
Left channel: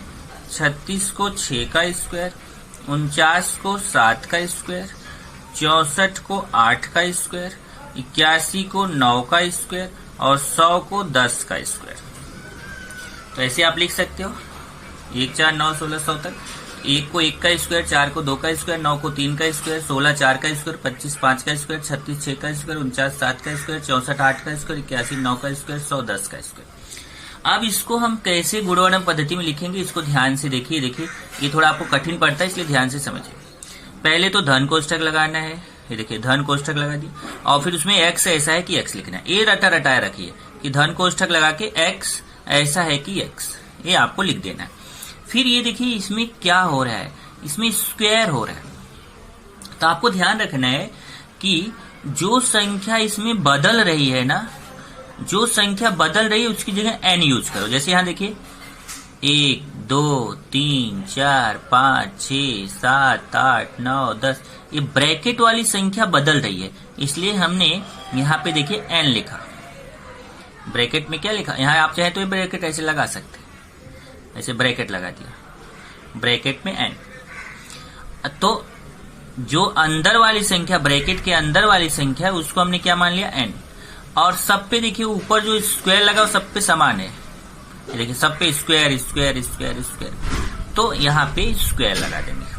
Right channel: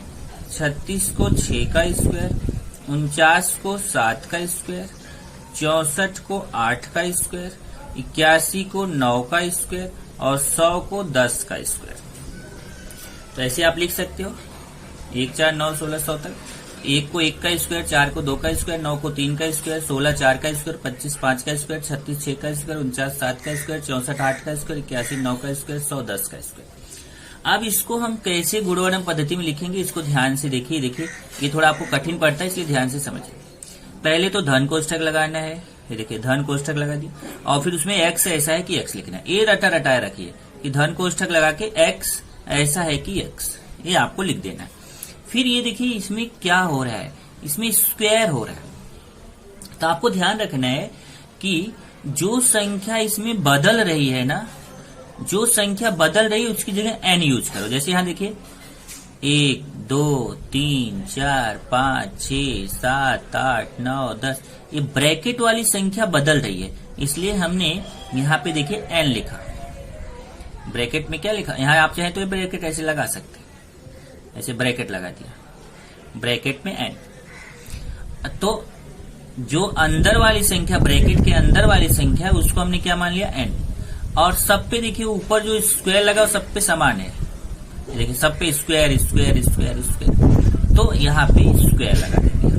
36 को 6 का स्क्वायर, 49 को 7 का स्क्वायर, 64 को 8 का स्क्वायर, 81 को 9 का स्क्वायर और 100 को 10 का स्क्वायर। तो ऐसे आप लिख सकते हो 1 4 9 16 100 तक। 1 को 1 का स्क्वायर, 4 को 2 का स्क्वायर, 9 को 3 का स्क्वायर, 16 4 का स्क्वायर, 25 5 का स्क्वायर, 36 6 का स्क्वायर, 49 7 का स्क्वायर, 64 8 का स्क्वायर, 81 9 का स्क्वायर, 100 10 का स्क्वायर। अब इसको हम कैसे गुणवर्णन पद्धति में लिखेंगे, इसको ध्यान से देखिए। ये थोड़ा आपको कठिन पड़ता है, इसलिए ध्यान से समझिए। पहले तो धन कोष्ठक लगाना है, ये देखिए धन कोष्ठक लगा दी, और फिर उसमें एक्स ऐसा है कि एक्स लिखना है। ये रटाया रखिए कि धन कोष्ठक लगा के एक्स ऐसा है कि एक्स, ये आपको लिख देना है। फिर ये देखिए इसमें क्या हो रहा है, इसमें स्क्वायर हो रहा है। तो आपको ध्यान रखना है कि जो संख्या इसमें बदल रही है ना, जो संख्या बदल रही है उसकी जगह एन यूज करो। जैसे यहां देखिए 1 2 3 4 5 6 7 8 9 10, ये ब्रैकेट वाली संख्या बदल रही है, इसलिए हमने यहाँ पे देखिए एन लिखा। ब्रैकेट में क्या लिखा, यहाँ आप चाहे तो ये ब्रैकेट ऐसे लगा सकते, ऐसे ब्रैकेट लगा दिया, ब्रैकेट में एन। तो जो अंदर वाली संख्या, ब्रैकेट के अंदर वाली संख्या, उसको हमने क्या मान लिया, एन। और सब पे देखिए ऊपर जो स्क्वायर लगा वो सब पे समान है, देखिए सब पे स्क्वायर स्क्वायर स्क्वायर स्क्वायर, तो यहाँ पे स्क्वायर लगा देंगे।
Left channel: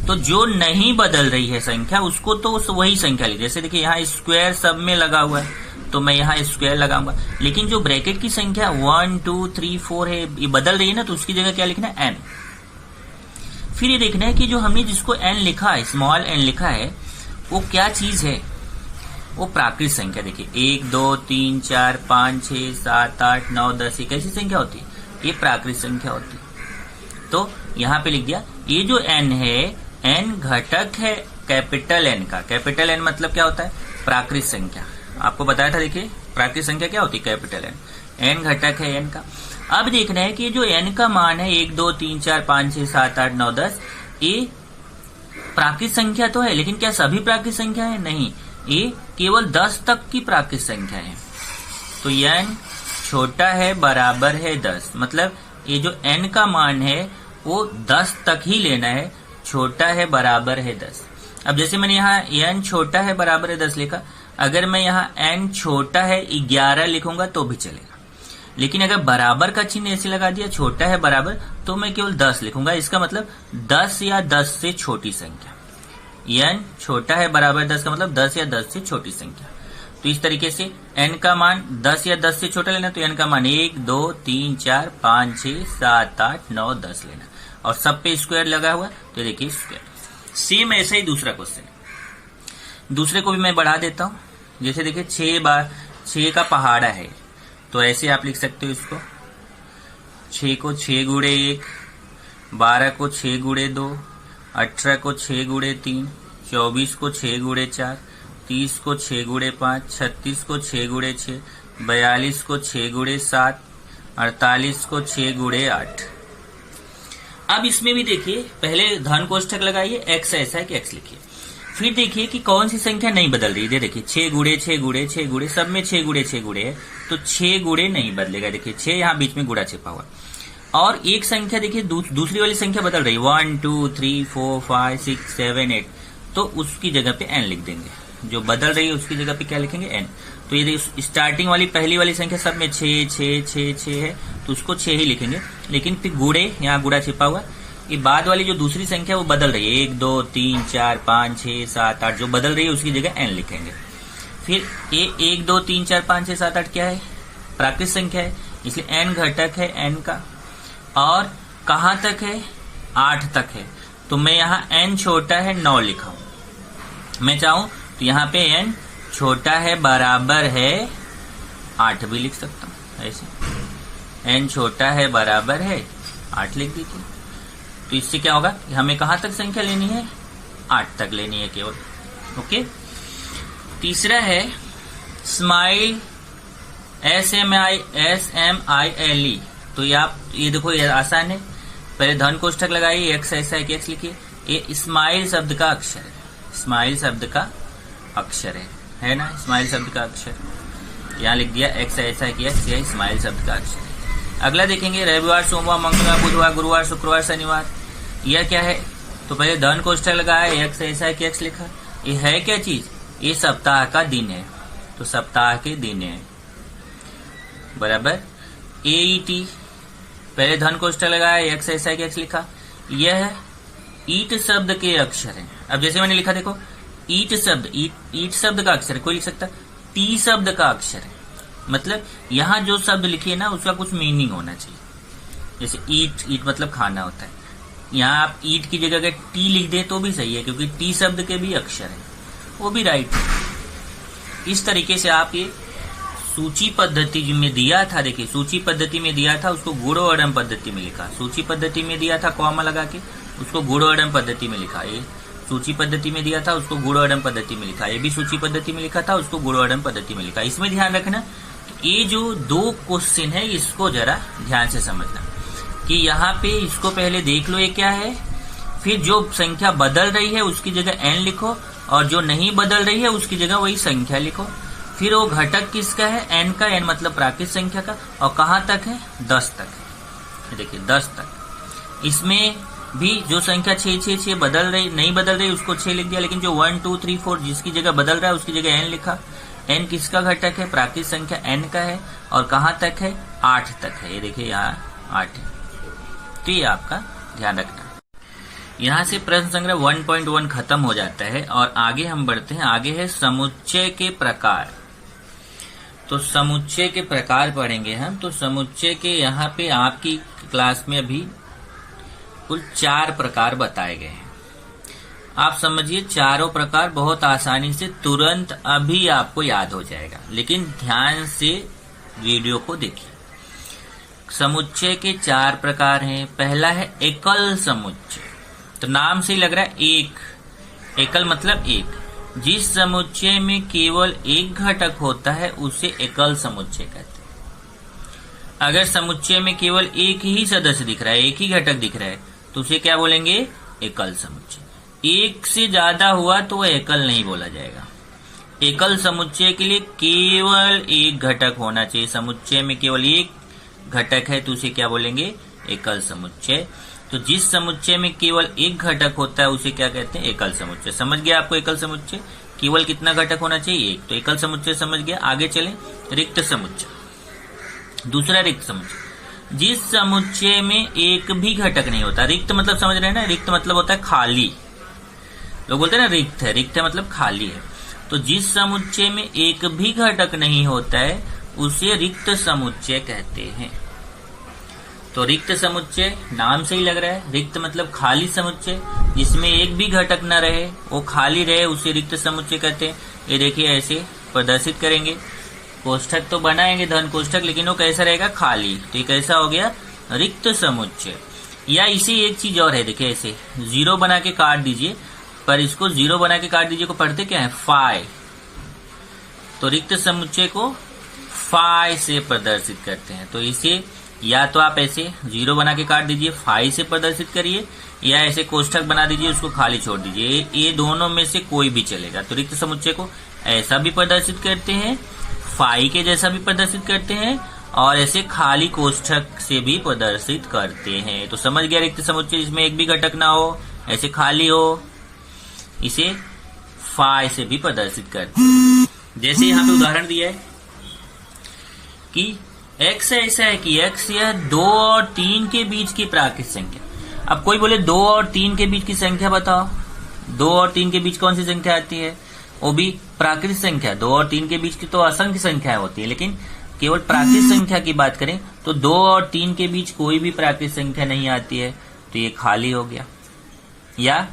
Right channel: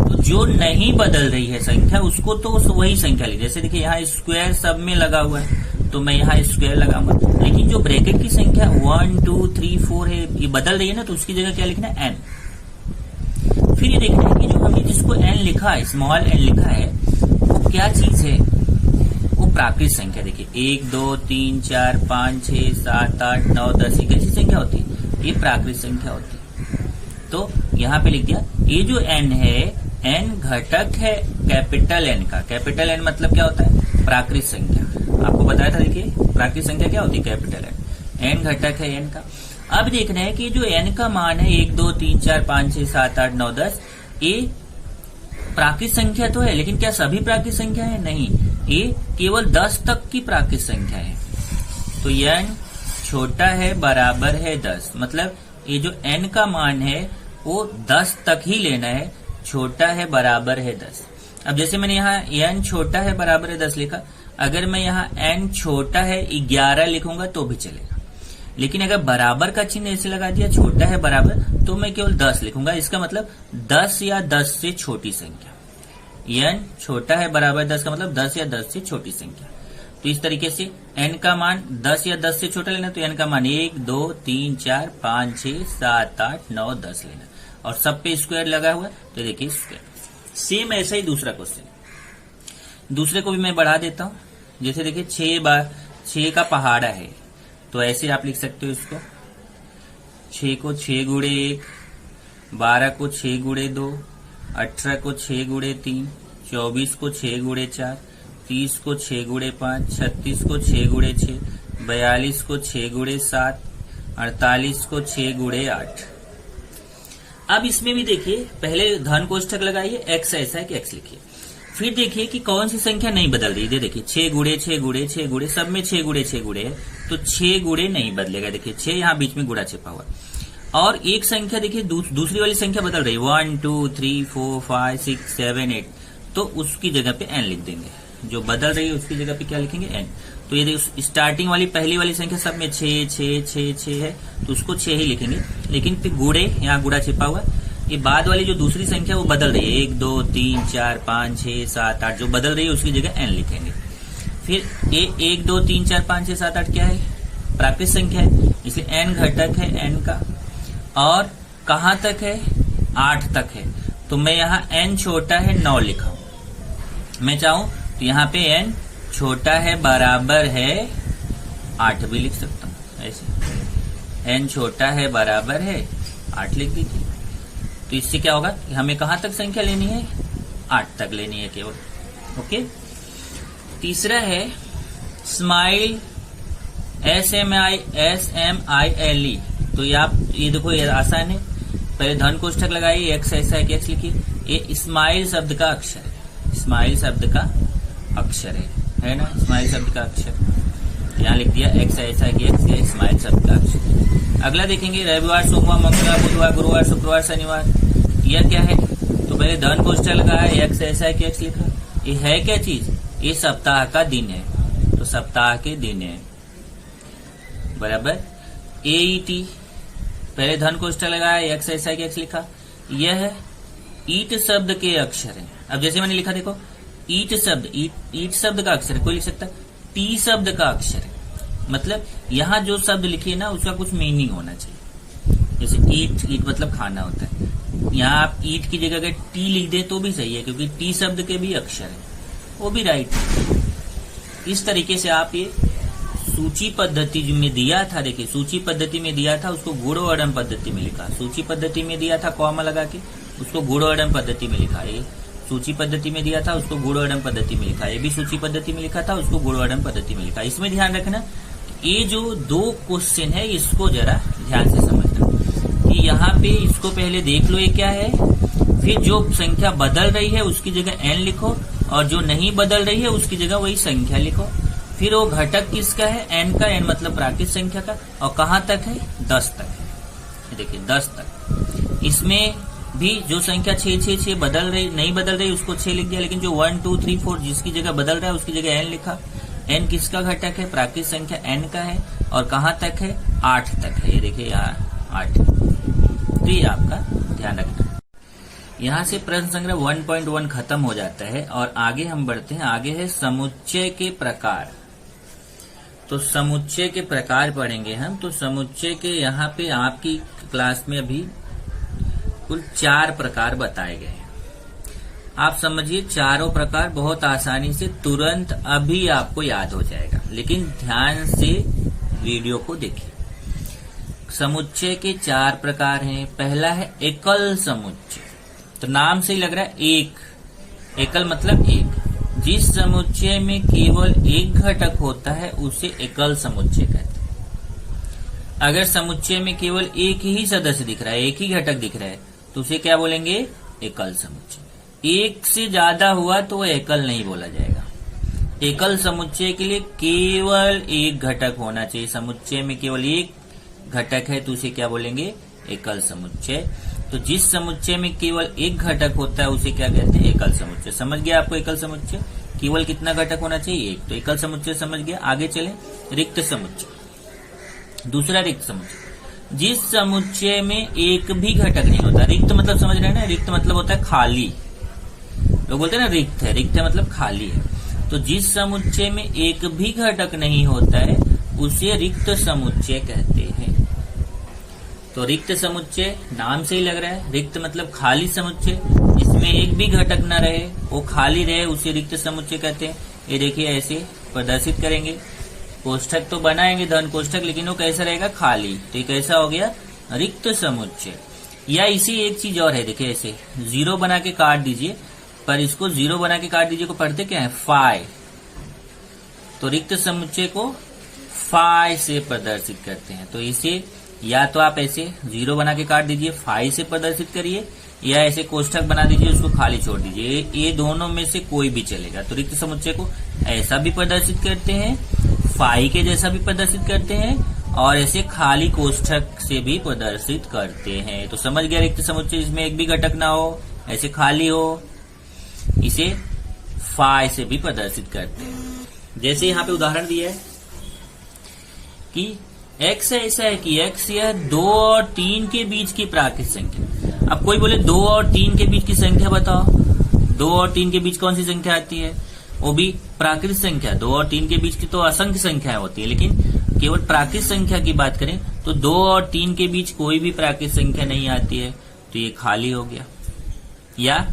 तो जो नहीं बदल रही है संख्या उसको तो वही संख्या ली। जैसे देखिए यहाँ स्क्वायर सब में लगा हुआ है तो मैं यहाँ स्क्वायर लगाऊंगा, लेकिन जो ब्रैकेट की संख्या 1 2 3 4 है ये बदल रही है ना, तो उसकी जगह क्या लिखना है, एन। फिर ये देखना है कि जो हमने जिसको एन लिखा है, स्मॉल एन लिखा है, वो क्या चीज है, वो प्राकृत संख्या। देखिए 1 2 3 4 5 6 7 8 9 10, ये कैसी संख्या होती है, ये प्राकृत संख्या होती है। तो यहाँ पे लिख दिया, ये जो एन है, एन घटक है कैपिटल एन का। कैपिटल एन मतलब क्या होता है, प्राकृत संख्या। आपको बताया था, देखिए प्राकृत संख्या क्या होती है, कैपिटल एन। एन घटक है एन का। अब देखना है कि जो एन का मान है 1 2 3 4 5 6 7 8 9 10, ये प्राकृत संख्या तो है, लेकिन क्या सभी प्राकृत संख्या है, नहीं, ये केवल 10 तक की प्राकृत संख्या है। तो एन छोटा है बराबर है 10, मतलब ये जो एन का मान है वो 10 तक ही लेना है, छोटा है बराबर है 10। अब जैसे मैंने यहाँ एन छोटा है बराबर है 10 लिखा, अगर मैं यहाँ एन छोटा है 11 लिखूंगा तो भी चलेगा, लेकिन अगर बराबर का चिन्ह ऐसे लगा दिया, छोटा है बराबर, तो मैं केवल 10 लिखूंगा। इसका मतलब 10 या 10 से छोटी संख्या। एन छोटा है बराबर 10 का मतलब 10 या 10 से छोटी संख्या। तो इस तरीके से एन का मान 10 या 10 से छोटा लेना, तो एन का मान 1 2 3 4 5 6 7 8 9 10 लेना, और सब पे स्क्वायर लगा हुआ है, तो देखिए स्क्वायर। सेम ऐसा ही दूसरा क्वेश्चन, दूसरे को भी मैं बढ़ा देता हूं। जैसे देखिए 6 का पहाड़ा है, तो ऐसे आप लिख सकते हो इसको, 6 को 6 गुणे 1, 12 को 6 गुणे 2, 18 को 6 गुणे 3, 24 को 6 गुणे 4, 30 को 6 गुणे 5, 36 को 6 गुणे 6, 42 को 6 गुणे 7, 48 को 6 गुणे 8। अब इसमें भी देखिए, पहले धन कोष्ठक लगाइए, एक्स ऐसा है कि एक्स लिखिए। फिर देखिए कि कौन सी संख्या नहीं बदल रही है। देखिए 6 गुणे 6 गुणे 6 गुणे, सब में 6 गुणे 6 गुणे है, तो 6 गुणे नहीं बदलेगा। देखिए 6 यहाँ बीच में गुणा छिपा हुआ, और एक संख्या देखिए दूसरी वाली संख्या बदल रही है, 1 2 3 4 5 6 7 8, तो उसकी जगह पे एन लिख देंगे। जो बदल रही है उसकी जगह पे क्या लिखेंगे, एन। तो ये स्टार्टिंग वाली पहली वाली संख्या सब में 6 6 6 6 है, तो उसको 6 ही लिखेंगे, लेकिन फिर गुणे, यहाँ गुणा छिपा हुआ, ये बाद वाली जो दूसरी संख्या वो बदल रही है, 1 2 3 4 5 6 7 8, जो बदल रही है उसकी जगह एन लिखेंगे। फिर 1 2 3 4 5 6 7 8 क्या है, प्राकृत संख्या है, इसलिए एन घटक है एन का, और कहां तक है, 8 तक है, तो मैं यहाँ एन छोटा है 9 लिखा हूं। मैं चाहूं तो यहाँ पे एन छोटा है बराबर है 8 भी लिख सकता हूं, ऐसे एन छोटा है बराबर है 8 लिख दीजिए। तो इससे क्या होगा, हमें कहां तक संख्या लेनी है, 8 तक लेनी है केवल। ओके। तीसरा है स्माइल, SMILE। तो ये देखो, ये आसान है। पहले धन कोष्ठक लगाइए, एक्स ऐसा है कि एक्स लिखिए। ये स्माइल शब्द का अक्षर है, स्माइल शब्द का अक्षर है ना, स्माइल शब्द का अक्षर। यहाँ लिख दिया एक्स ऐसा कि एक्स, यह स्माइल शब्द का अक्षर। अगला देखेंगे रविवार, सोमवार, मंगलवार, बुधवार, गुरुवार, शुक्रवार, शनिवार, यह क्या है? तो पहले धन कोष्ठक लगाया, एक्स ऐसा कि एक्स लिखा। ये है क्या चीज? ये सप्ताह का दिन है, तो सप्ताह के दिन है बराबर। AET, पहले धन कोष्ठक लगाया, एक्स ऐसा कि एक्स लिखा। यह ईट शब्द के अक्षर है। अब जैसे मैंने लिखा देखो, ईट शब्द, ईट शब्द का अक्षर है, कोई लिख सकता। टी शब्द का अक्षर है, मतलब यहाँ जो शब्द लिखे ना उसका कुछ मीनिंग होना चाहिए। जैसे ईट मतलब खाना होता है, यहाँ आप ईट की जगह अगर टी लिख दे तो भी सही है, क्योंकि टी शब्द के भी अक्षर है, वो भी राइट है। इस तरीके से आप ये सूची पद्धति में दिया था, देखिए सूची पद्धति में दिया था, उसको गुणोअडम पद्धति में लिखा। सूची पद्धति में दिया था कॉमा लगा के, उसको गुणोअडम पद्धति में लिखा। ये सूची पद्धति में दिया था, उसको गुणोअडम पद्धति में लिखा। ये भी सूची पद्धति में लिखा था, उसको गुणोअडम पद्धति में लिखा। इसमें ध्यान रखना, ये जो दो क्वेश्चन है इसको जरा ध्यान से समझना कि यहाँ पे इसको पहले देख लो ये क्या है, फिर जो संख्या बदल रही है उसकी जगह n लिखो, और जो नहीं बदल रही है उसकी जगह वही संख्या लिखो। फिर वो घटक किसका है? n का। n मतलब प्राकृत संख्या का। और कहाँ तक है? 10 तक। देखिए 10 तक। इसमें भी जो संख्या 6 बदल रही, नहीं बदल रही, उसको 6 लिख दिया। लेकिन जो 1 2 3 4 जिसकी जगह बदल रहा है उसकी जगह n लिखा। n किसका घटक है? प्राकृत संख्या n का है। और कहाँ तक है? 8 तक है। ये देखिए यहाँ 8। तो ये आपका ध्यान रखना। यहाँ से प्रश्न संग्रह 1.1 खत्म हो जाता है और आगे हम बढ़ते हैं। आगे है समुच्चय के प्रकार। तो समुच्चय के प्रकार पढ़ेंगे हम। तो समुच्चय के यहाँ पे आपकी क्लास में अभी कुल 4 प्रकार बताए गए हैं। आप समझिए चारों प्रकार बहुत आसानी से तुरंत अभी आपको याद हो जाएगा, लेकिन ध्यान से वीडियो को देखिए। समुच्चय के 4 प्रकार हैं। पहला है एकल समुच्चय। तो नाम से ही लग रहा है एक, एकल मतलब एक। जिस समुच्चय में केवल एक घटक होता है उसे एकल समुच्चय कहते हैं। अगर समुच्चय में केवल एक ही सदस्य दिख रहा है, एक ही घटक दिख रहा है, तो उसे क्या बोलेंगे? एकल समुच्चय। एक से ज्यादा हुआ तो वह एकल नहीं बोला जाएगा। एकल समुच्चय के लिए केवल एक घटक होना चाहिए। समुच्चय में केवल एक घटक है तो उसे क्या बोलेंगे? एकल समुच्चय। तो जिस समुच्चय में केवल एक घटक होता है उसे क्या कहते हैं? एकल समुच्चय। समझ गया आपको एकल समुच्चय? केवल कितना घटक होना चाहिए? एक। तो एकल समुच्चय समझ गया। आगे चले रिक्त समुच्चय। दूसरा रिक्त समुच्चय, जिस समुच्चय में एक भी घटक नहीं होता। रिक्त मतलब समझ रहे हैं ना? रिक्त मतलब होता है खाली। लोग बोलते हैं ना रिक्त है, रिक्त है मतलब खाली है। तो जिस समुच्चय में एक भी घटक नहीं होता है उसे रिक्त समुच्चय कहते हैं। तो रिक्त समुच्चय नाम से ही लग रहा है, रिक्त मतलब खाली समुच्चय। जिसमें एक भी घटक न रहे, वो खाली रहे, उसे रिक्त समुच्चय कहते हैं। ये देखिए ऐसे प्रदर्शित करेंगे। कोष्ठक तो बनाएंगे धन कोष्ठक, लेकिन वो कैसा रहेगा? खाली। तो ये कैसा हो गया? रिक्त समुच्चय। या इसी एक चीज और है, देखिए ऐसे 0 बना के काट दीजिए, पर इसको 0 बना के काट दीजिए को पढ़ते क्या है? फाई। तो रिक्त समुच्चय को फाई से प्रदर्शित करते हैं। तो इसे या तो आप ऐसे 0 बना के काट दीजिए, फाई से प्रदर्शित करिए, या ऐसे कोष्ठक बना दीजिए, उसको खाली छोड़ दीजिए। ये दोनों में से कोई भी चलेगा। तो रिक्त समुच्चय को ऐसा भी प्रदर्शित करते हैं, फाई के जैसा भी प्रदर्शित करते हैं, और ऐसे खाली कोष्ठक से भी प्रदर्शित करते हैं। तो समझ गया रिक्त समुच्चय, जिसमें एक भी घटक ना हो, ऐसे खाली हो, इसे फाई से भी प्रदर्शित करते हैं। जैसे यहाँ पे उदाहरण दिया है कि x ऐसा है कि x यह 2 और 3 के बीच की प्राकृत संख्या। अब कोई बोले 2 और 3 के बीच की संख्या बताओ। 2 और 3 के बीच कौन सी संख्या आती है? वो भी प्राकृत संख्या। 2 और 3 के बीच की तो असंख्य संख्याएं होती है, लेकिन केवल प्राकृत संख्या की बात करें तो 2 और 3 के बीच कोई भी प्राकृत संख्या नहीं आती है, तो ये खाली हो गया। या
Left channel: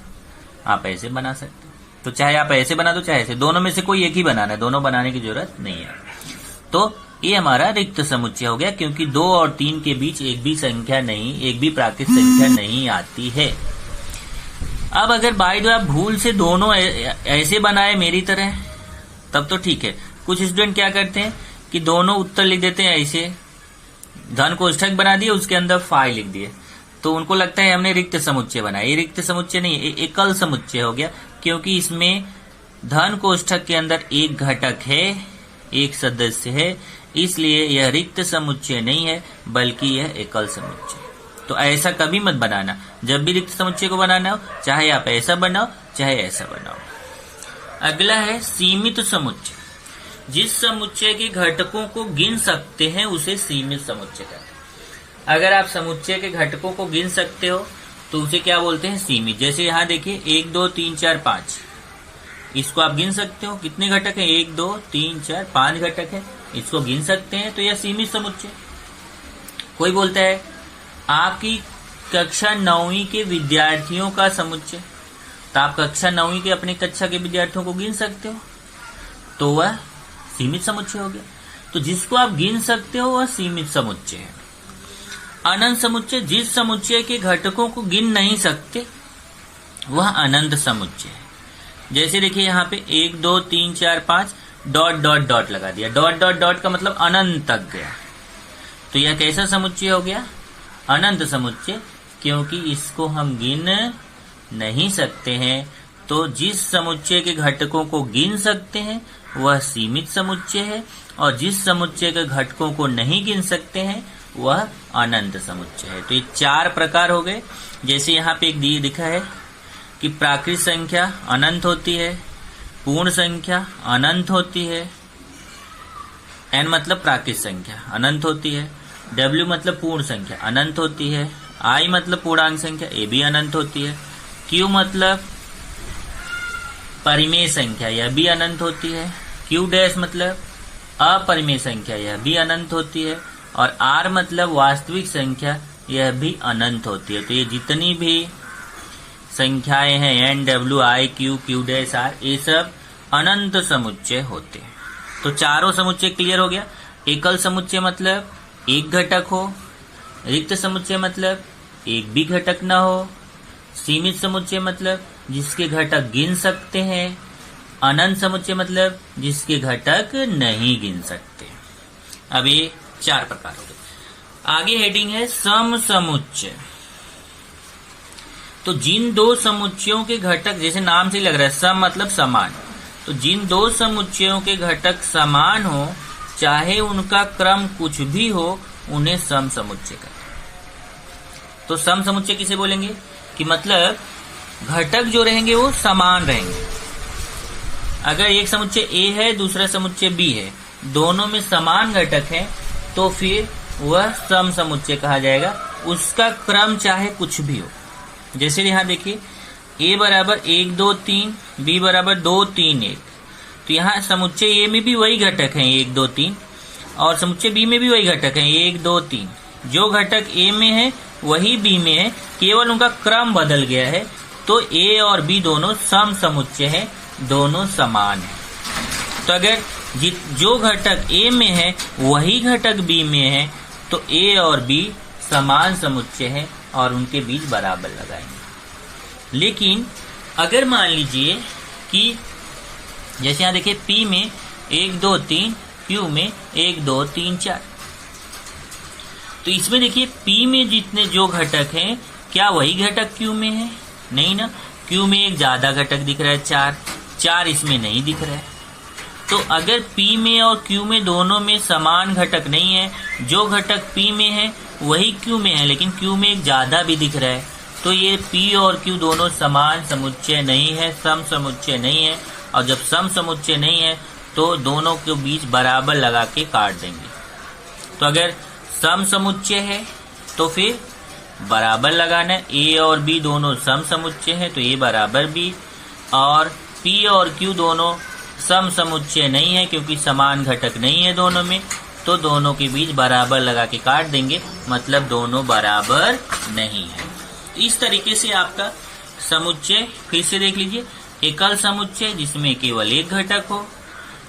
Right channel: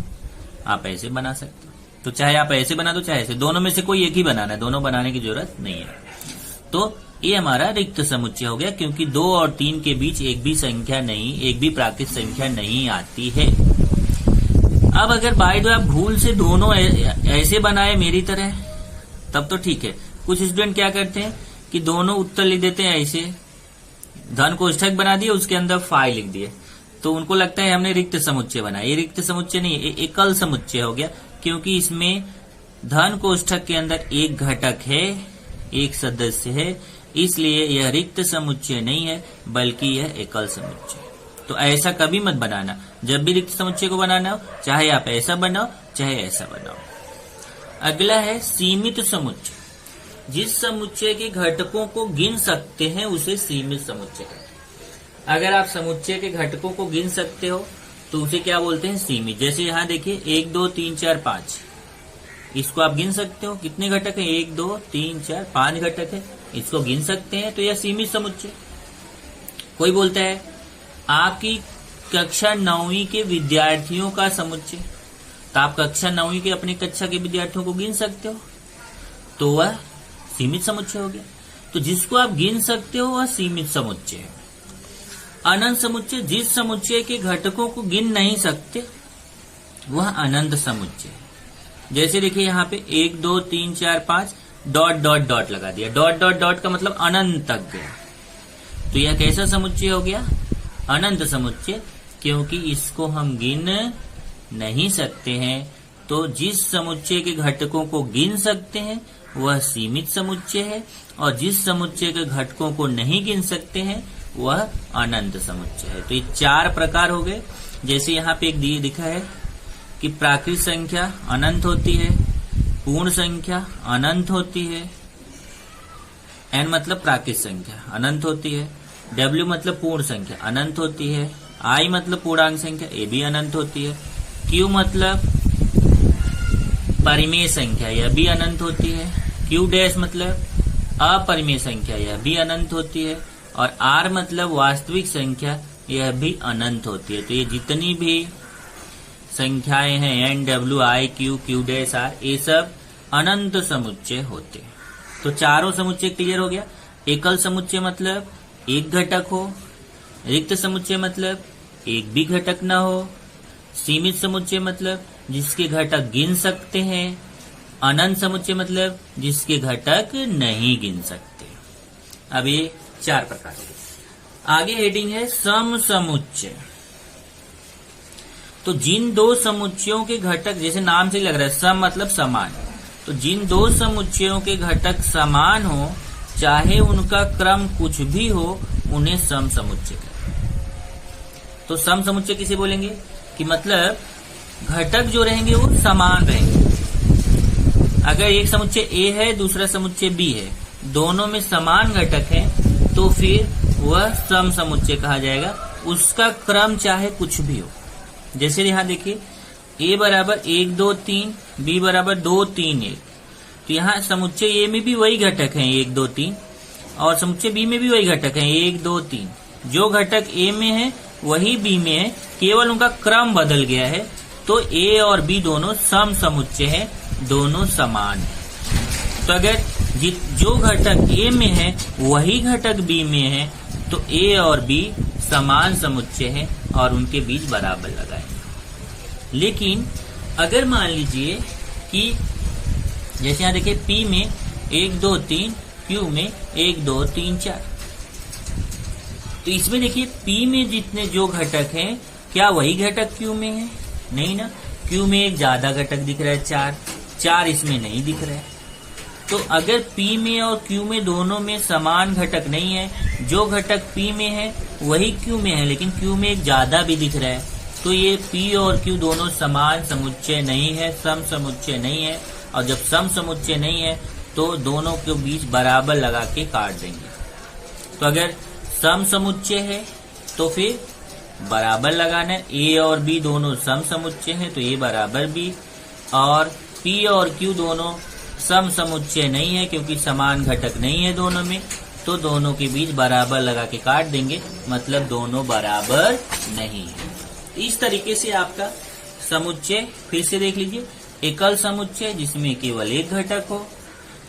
आप ऐसे बना सकते हो। तो चाहे आप ऐसे बना दो चाहे ऐसे, दोनों में से कोई एक ही बनाना है, दोनों बनाने की जरूरत नहीं है। तो ये हमारा रिक्त समुच्चय हो गया, क्योंकि 2 और 3 के बीच एक भी संख्या नहीं, एक भी प्राकृत संख्या नहीं आती है। अब अगर बाय द वे आप भूल से दोनों ऐसे बनाए मेरी तरह, तब तो ठीक है। कुछ स्टूडेंट क्या करते हैं कि दोनों उत्तर लिख देते हैं ऐसे, धन कोष्ठक बना दिए, उसके अंदर फाई लिख दिए, तो उनको लगता है हमने रिक्त समुच्चय बनाया। ये रिक्त समुच्चय नहीं, एकल समुच्चय हो गया, क्योंकि इसमें धन कोष्ठक के अंदर एक घटक है, एक सदस्य है, इसलिए यह रिक्त समुच्चय नहीं है बल्कि यह एकल समुच्चय। तो ऐसा कभी मत बनाना, जब भी रिक्त समुच्चय को बनाना हो चाहे आप ऐसा बनाओ चाहे ऐसा बनाओ। अगला है सीमित समुच्चय। जिस समुच्चय के घटकों को गिन सकते हैं उसे सीमित समुच्चय कहते हैं। अगर आप समुच्चय के घटकों को गिन सकते हो तो उसे क्या बोलते हैं? सीमित। जैसे यहाँ देखिए 1 2 3 4 5, इसको आप गिन सकते हो। कितने घटक है? 1 2 3 4 5 घटक है, इसको गिन सकते हैं तो यह सीमित समुच्चय। कोई बोलता है आपकी कक्षा 9वीं के विद्यार्थियों का समुच्चय, तो आप कक्षा 9वीं के अपनी कक्षा के विद्यार्थियों को गिन सकते हो तो वह सीमित समुच्चय हो गया। तो जिसको आप गिन सकते हो वह सीमित समुच्चय है। अनंत समुच्चय, जिस समुच्चय के घटकों को गिन नहीं सकते वह अनंत समुच्चय है। जैसे देखिए यहाँ पे 1 2 3 4 5 डॉट डॉट डॉट लगा दिया, डॉट डॉट डॉट का मतलब अनंत तक गया, तो यह कैसा समुच्चय हो गया? अनंत समुच्चय, क्योंकि इसको हम गिन नहीं सकते हैं। तो जिस समुच्चय के घटकों को गिन सकते हैं वह सीमित समुच्चय है, और जिस समुच्चय के घटकों को नहीं गिन सकते हैं वह अनंत समुच्चय है। तो ये 4 प्रकार हो गए। जैसे यहाँ पे एक दिखा है कि प्राकृत संख्या अनंत होती है, पूर्ण संख्या अनंत होती है, n मतलब प्राकृत संख्या अनंत होती है, w मतलब पूर्ण संख्या अनंत होती है, i मतलब पूर्णांक संख्या ये भी अनंत होती है, q मतलब परिमेय संख्या यह भी अनंत होती है, q डैश मतलब अपरिमेय संख्या यह भी अनंत होती है, और r मतलब वास्तविक संख्या यह भी अनंत होती है। तो ये जितनी भी संख्याएं हैं n w i q q dash r ये सब अनंत समुच्चय होते हैं। तो चारों समुच्चय क्लियर हो गया। एकल समुच्चय मतलब एक घटक हो, रिक्त समुच्चय मतलब एक भी घटक न हो, सीमित समुच्चय मतलब जिसके घटक गिन सकते हैं, अनंत समुच्चय मतलब जिसके घटक नहीं गिन सकते। अब ये 4 प्रकार हो गए। आगे हेडिंग है सम समुच्चय। तो जिन 2 समुच्चयों के घटक, जैसे नाम से लग रहा है सम मतलब समान, तो जिन 2 समुच्चयों के घटक समान हो चाहे उनका क्रम कुछ भी हो उन्हें सम समुच्चय कहते हैं। तो सम समुच्चय किसे बोलेंगे? कि मतलब घटक जो रहेंगे वो समान रहेंगे। अगर एक समुच्चय A है दूसरा समुच्चय B है, दोनों में समान घटक है तो फिर वह सम समुच्चय कहा जाएगा, उसका क्रम चाहे कुछ भी हो। जैसे यहाँ देखिए A बराबर 1 2 3, B बराबर 2 3 1, तो यहाँ समुच्चय A में भी वही घटक हैं 1 2 3, और समुच्चय B में भी वही घटक हैं 1 2 3। जो घटक A में है वही B में है, केवल उनका क्रम बदल गया है। तो A और B दोनों सम समुच्चय है, दोनों समान है। तो अगर जो घटक A में है वही घटक B में है तो A और B समान समुच्चय है और उनके बीच बराबर लगाएंगे। लेकिन अगर मान लीजिए कि जैसे यहाँ देखिए P में 1 2 3, Q में 1 2 3 4, तो इसमें देखिए P में जितने जो घटक हैं क्या वही घटक Q में है? नहीं ना, Q में एक ज्यादा घटक दिख रहा है 4 इसमें नहीं दिख रहा है। तो अगर P में और Q में दोनों में समान घटक नहीं है, जो घटक P में है वही Q में है लेकिन Q में एक ज्यादा भी दिख रहा है, तो ये P और Q दोनों समान समुच्चय नहीं है, सम समुच्चय नहीं है। और जब सम समुच्चय नहीं है तो दोनों के बीच बराबर लगा के काट देंगे। तो अगर सम समुच्चय है तो फिर बराबर लगाना है। A और B दोनों सम समुच्चय है तो A बराबर B, और P और Q दोनों सम समुच्चय नहीं है क्योंकि समान घटक नहीं है दोनों में, तो दोनों के बीच बराबर लगा के काट देंगे, मतलब दोनों बराबर नहीं है। इस तरीके से आपका समुच्चय फिर से देख लीजिए। एकल समुच्चय जिसमें केवल एक घटक हो,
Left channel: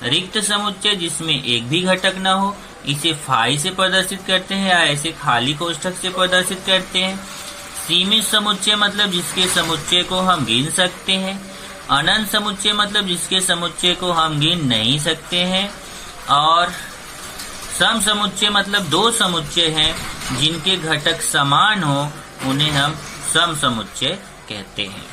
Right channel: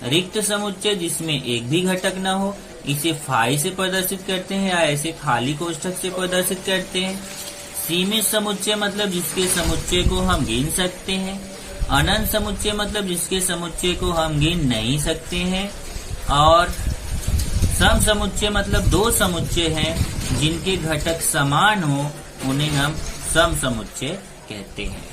रिक्त समुच्चय जिसमें एक भी घटक न हो, इसे फाई से प्रदर्शित करते हैं या ऐसे खाली कोष्ठक से प्रदर्शित करते हैं। सीमित समुच्चय मतलब जिसके समुच्चय को हम गिन सकते हैं। अनंत समुच्चय मतलब जिसके समुच्चय को हम गिन नहीं सकते हैं। और सम समुच्चय मतलब 2 समुच्चय हैं जिनके घटक समान हो, उन्हें हम सम समुच्चय कहते हैं।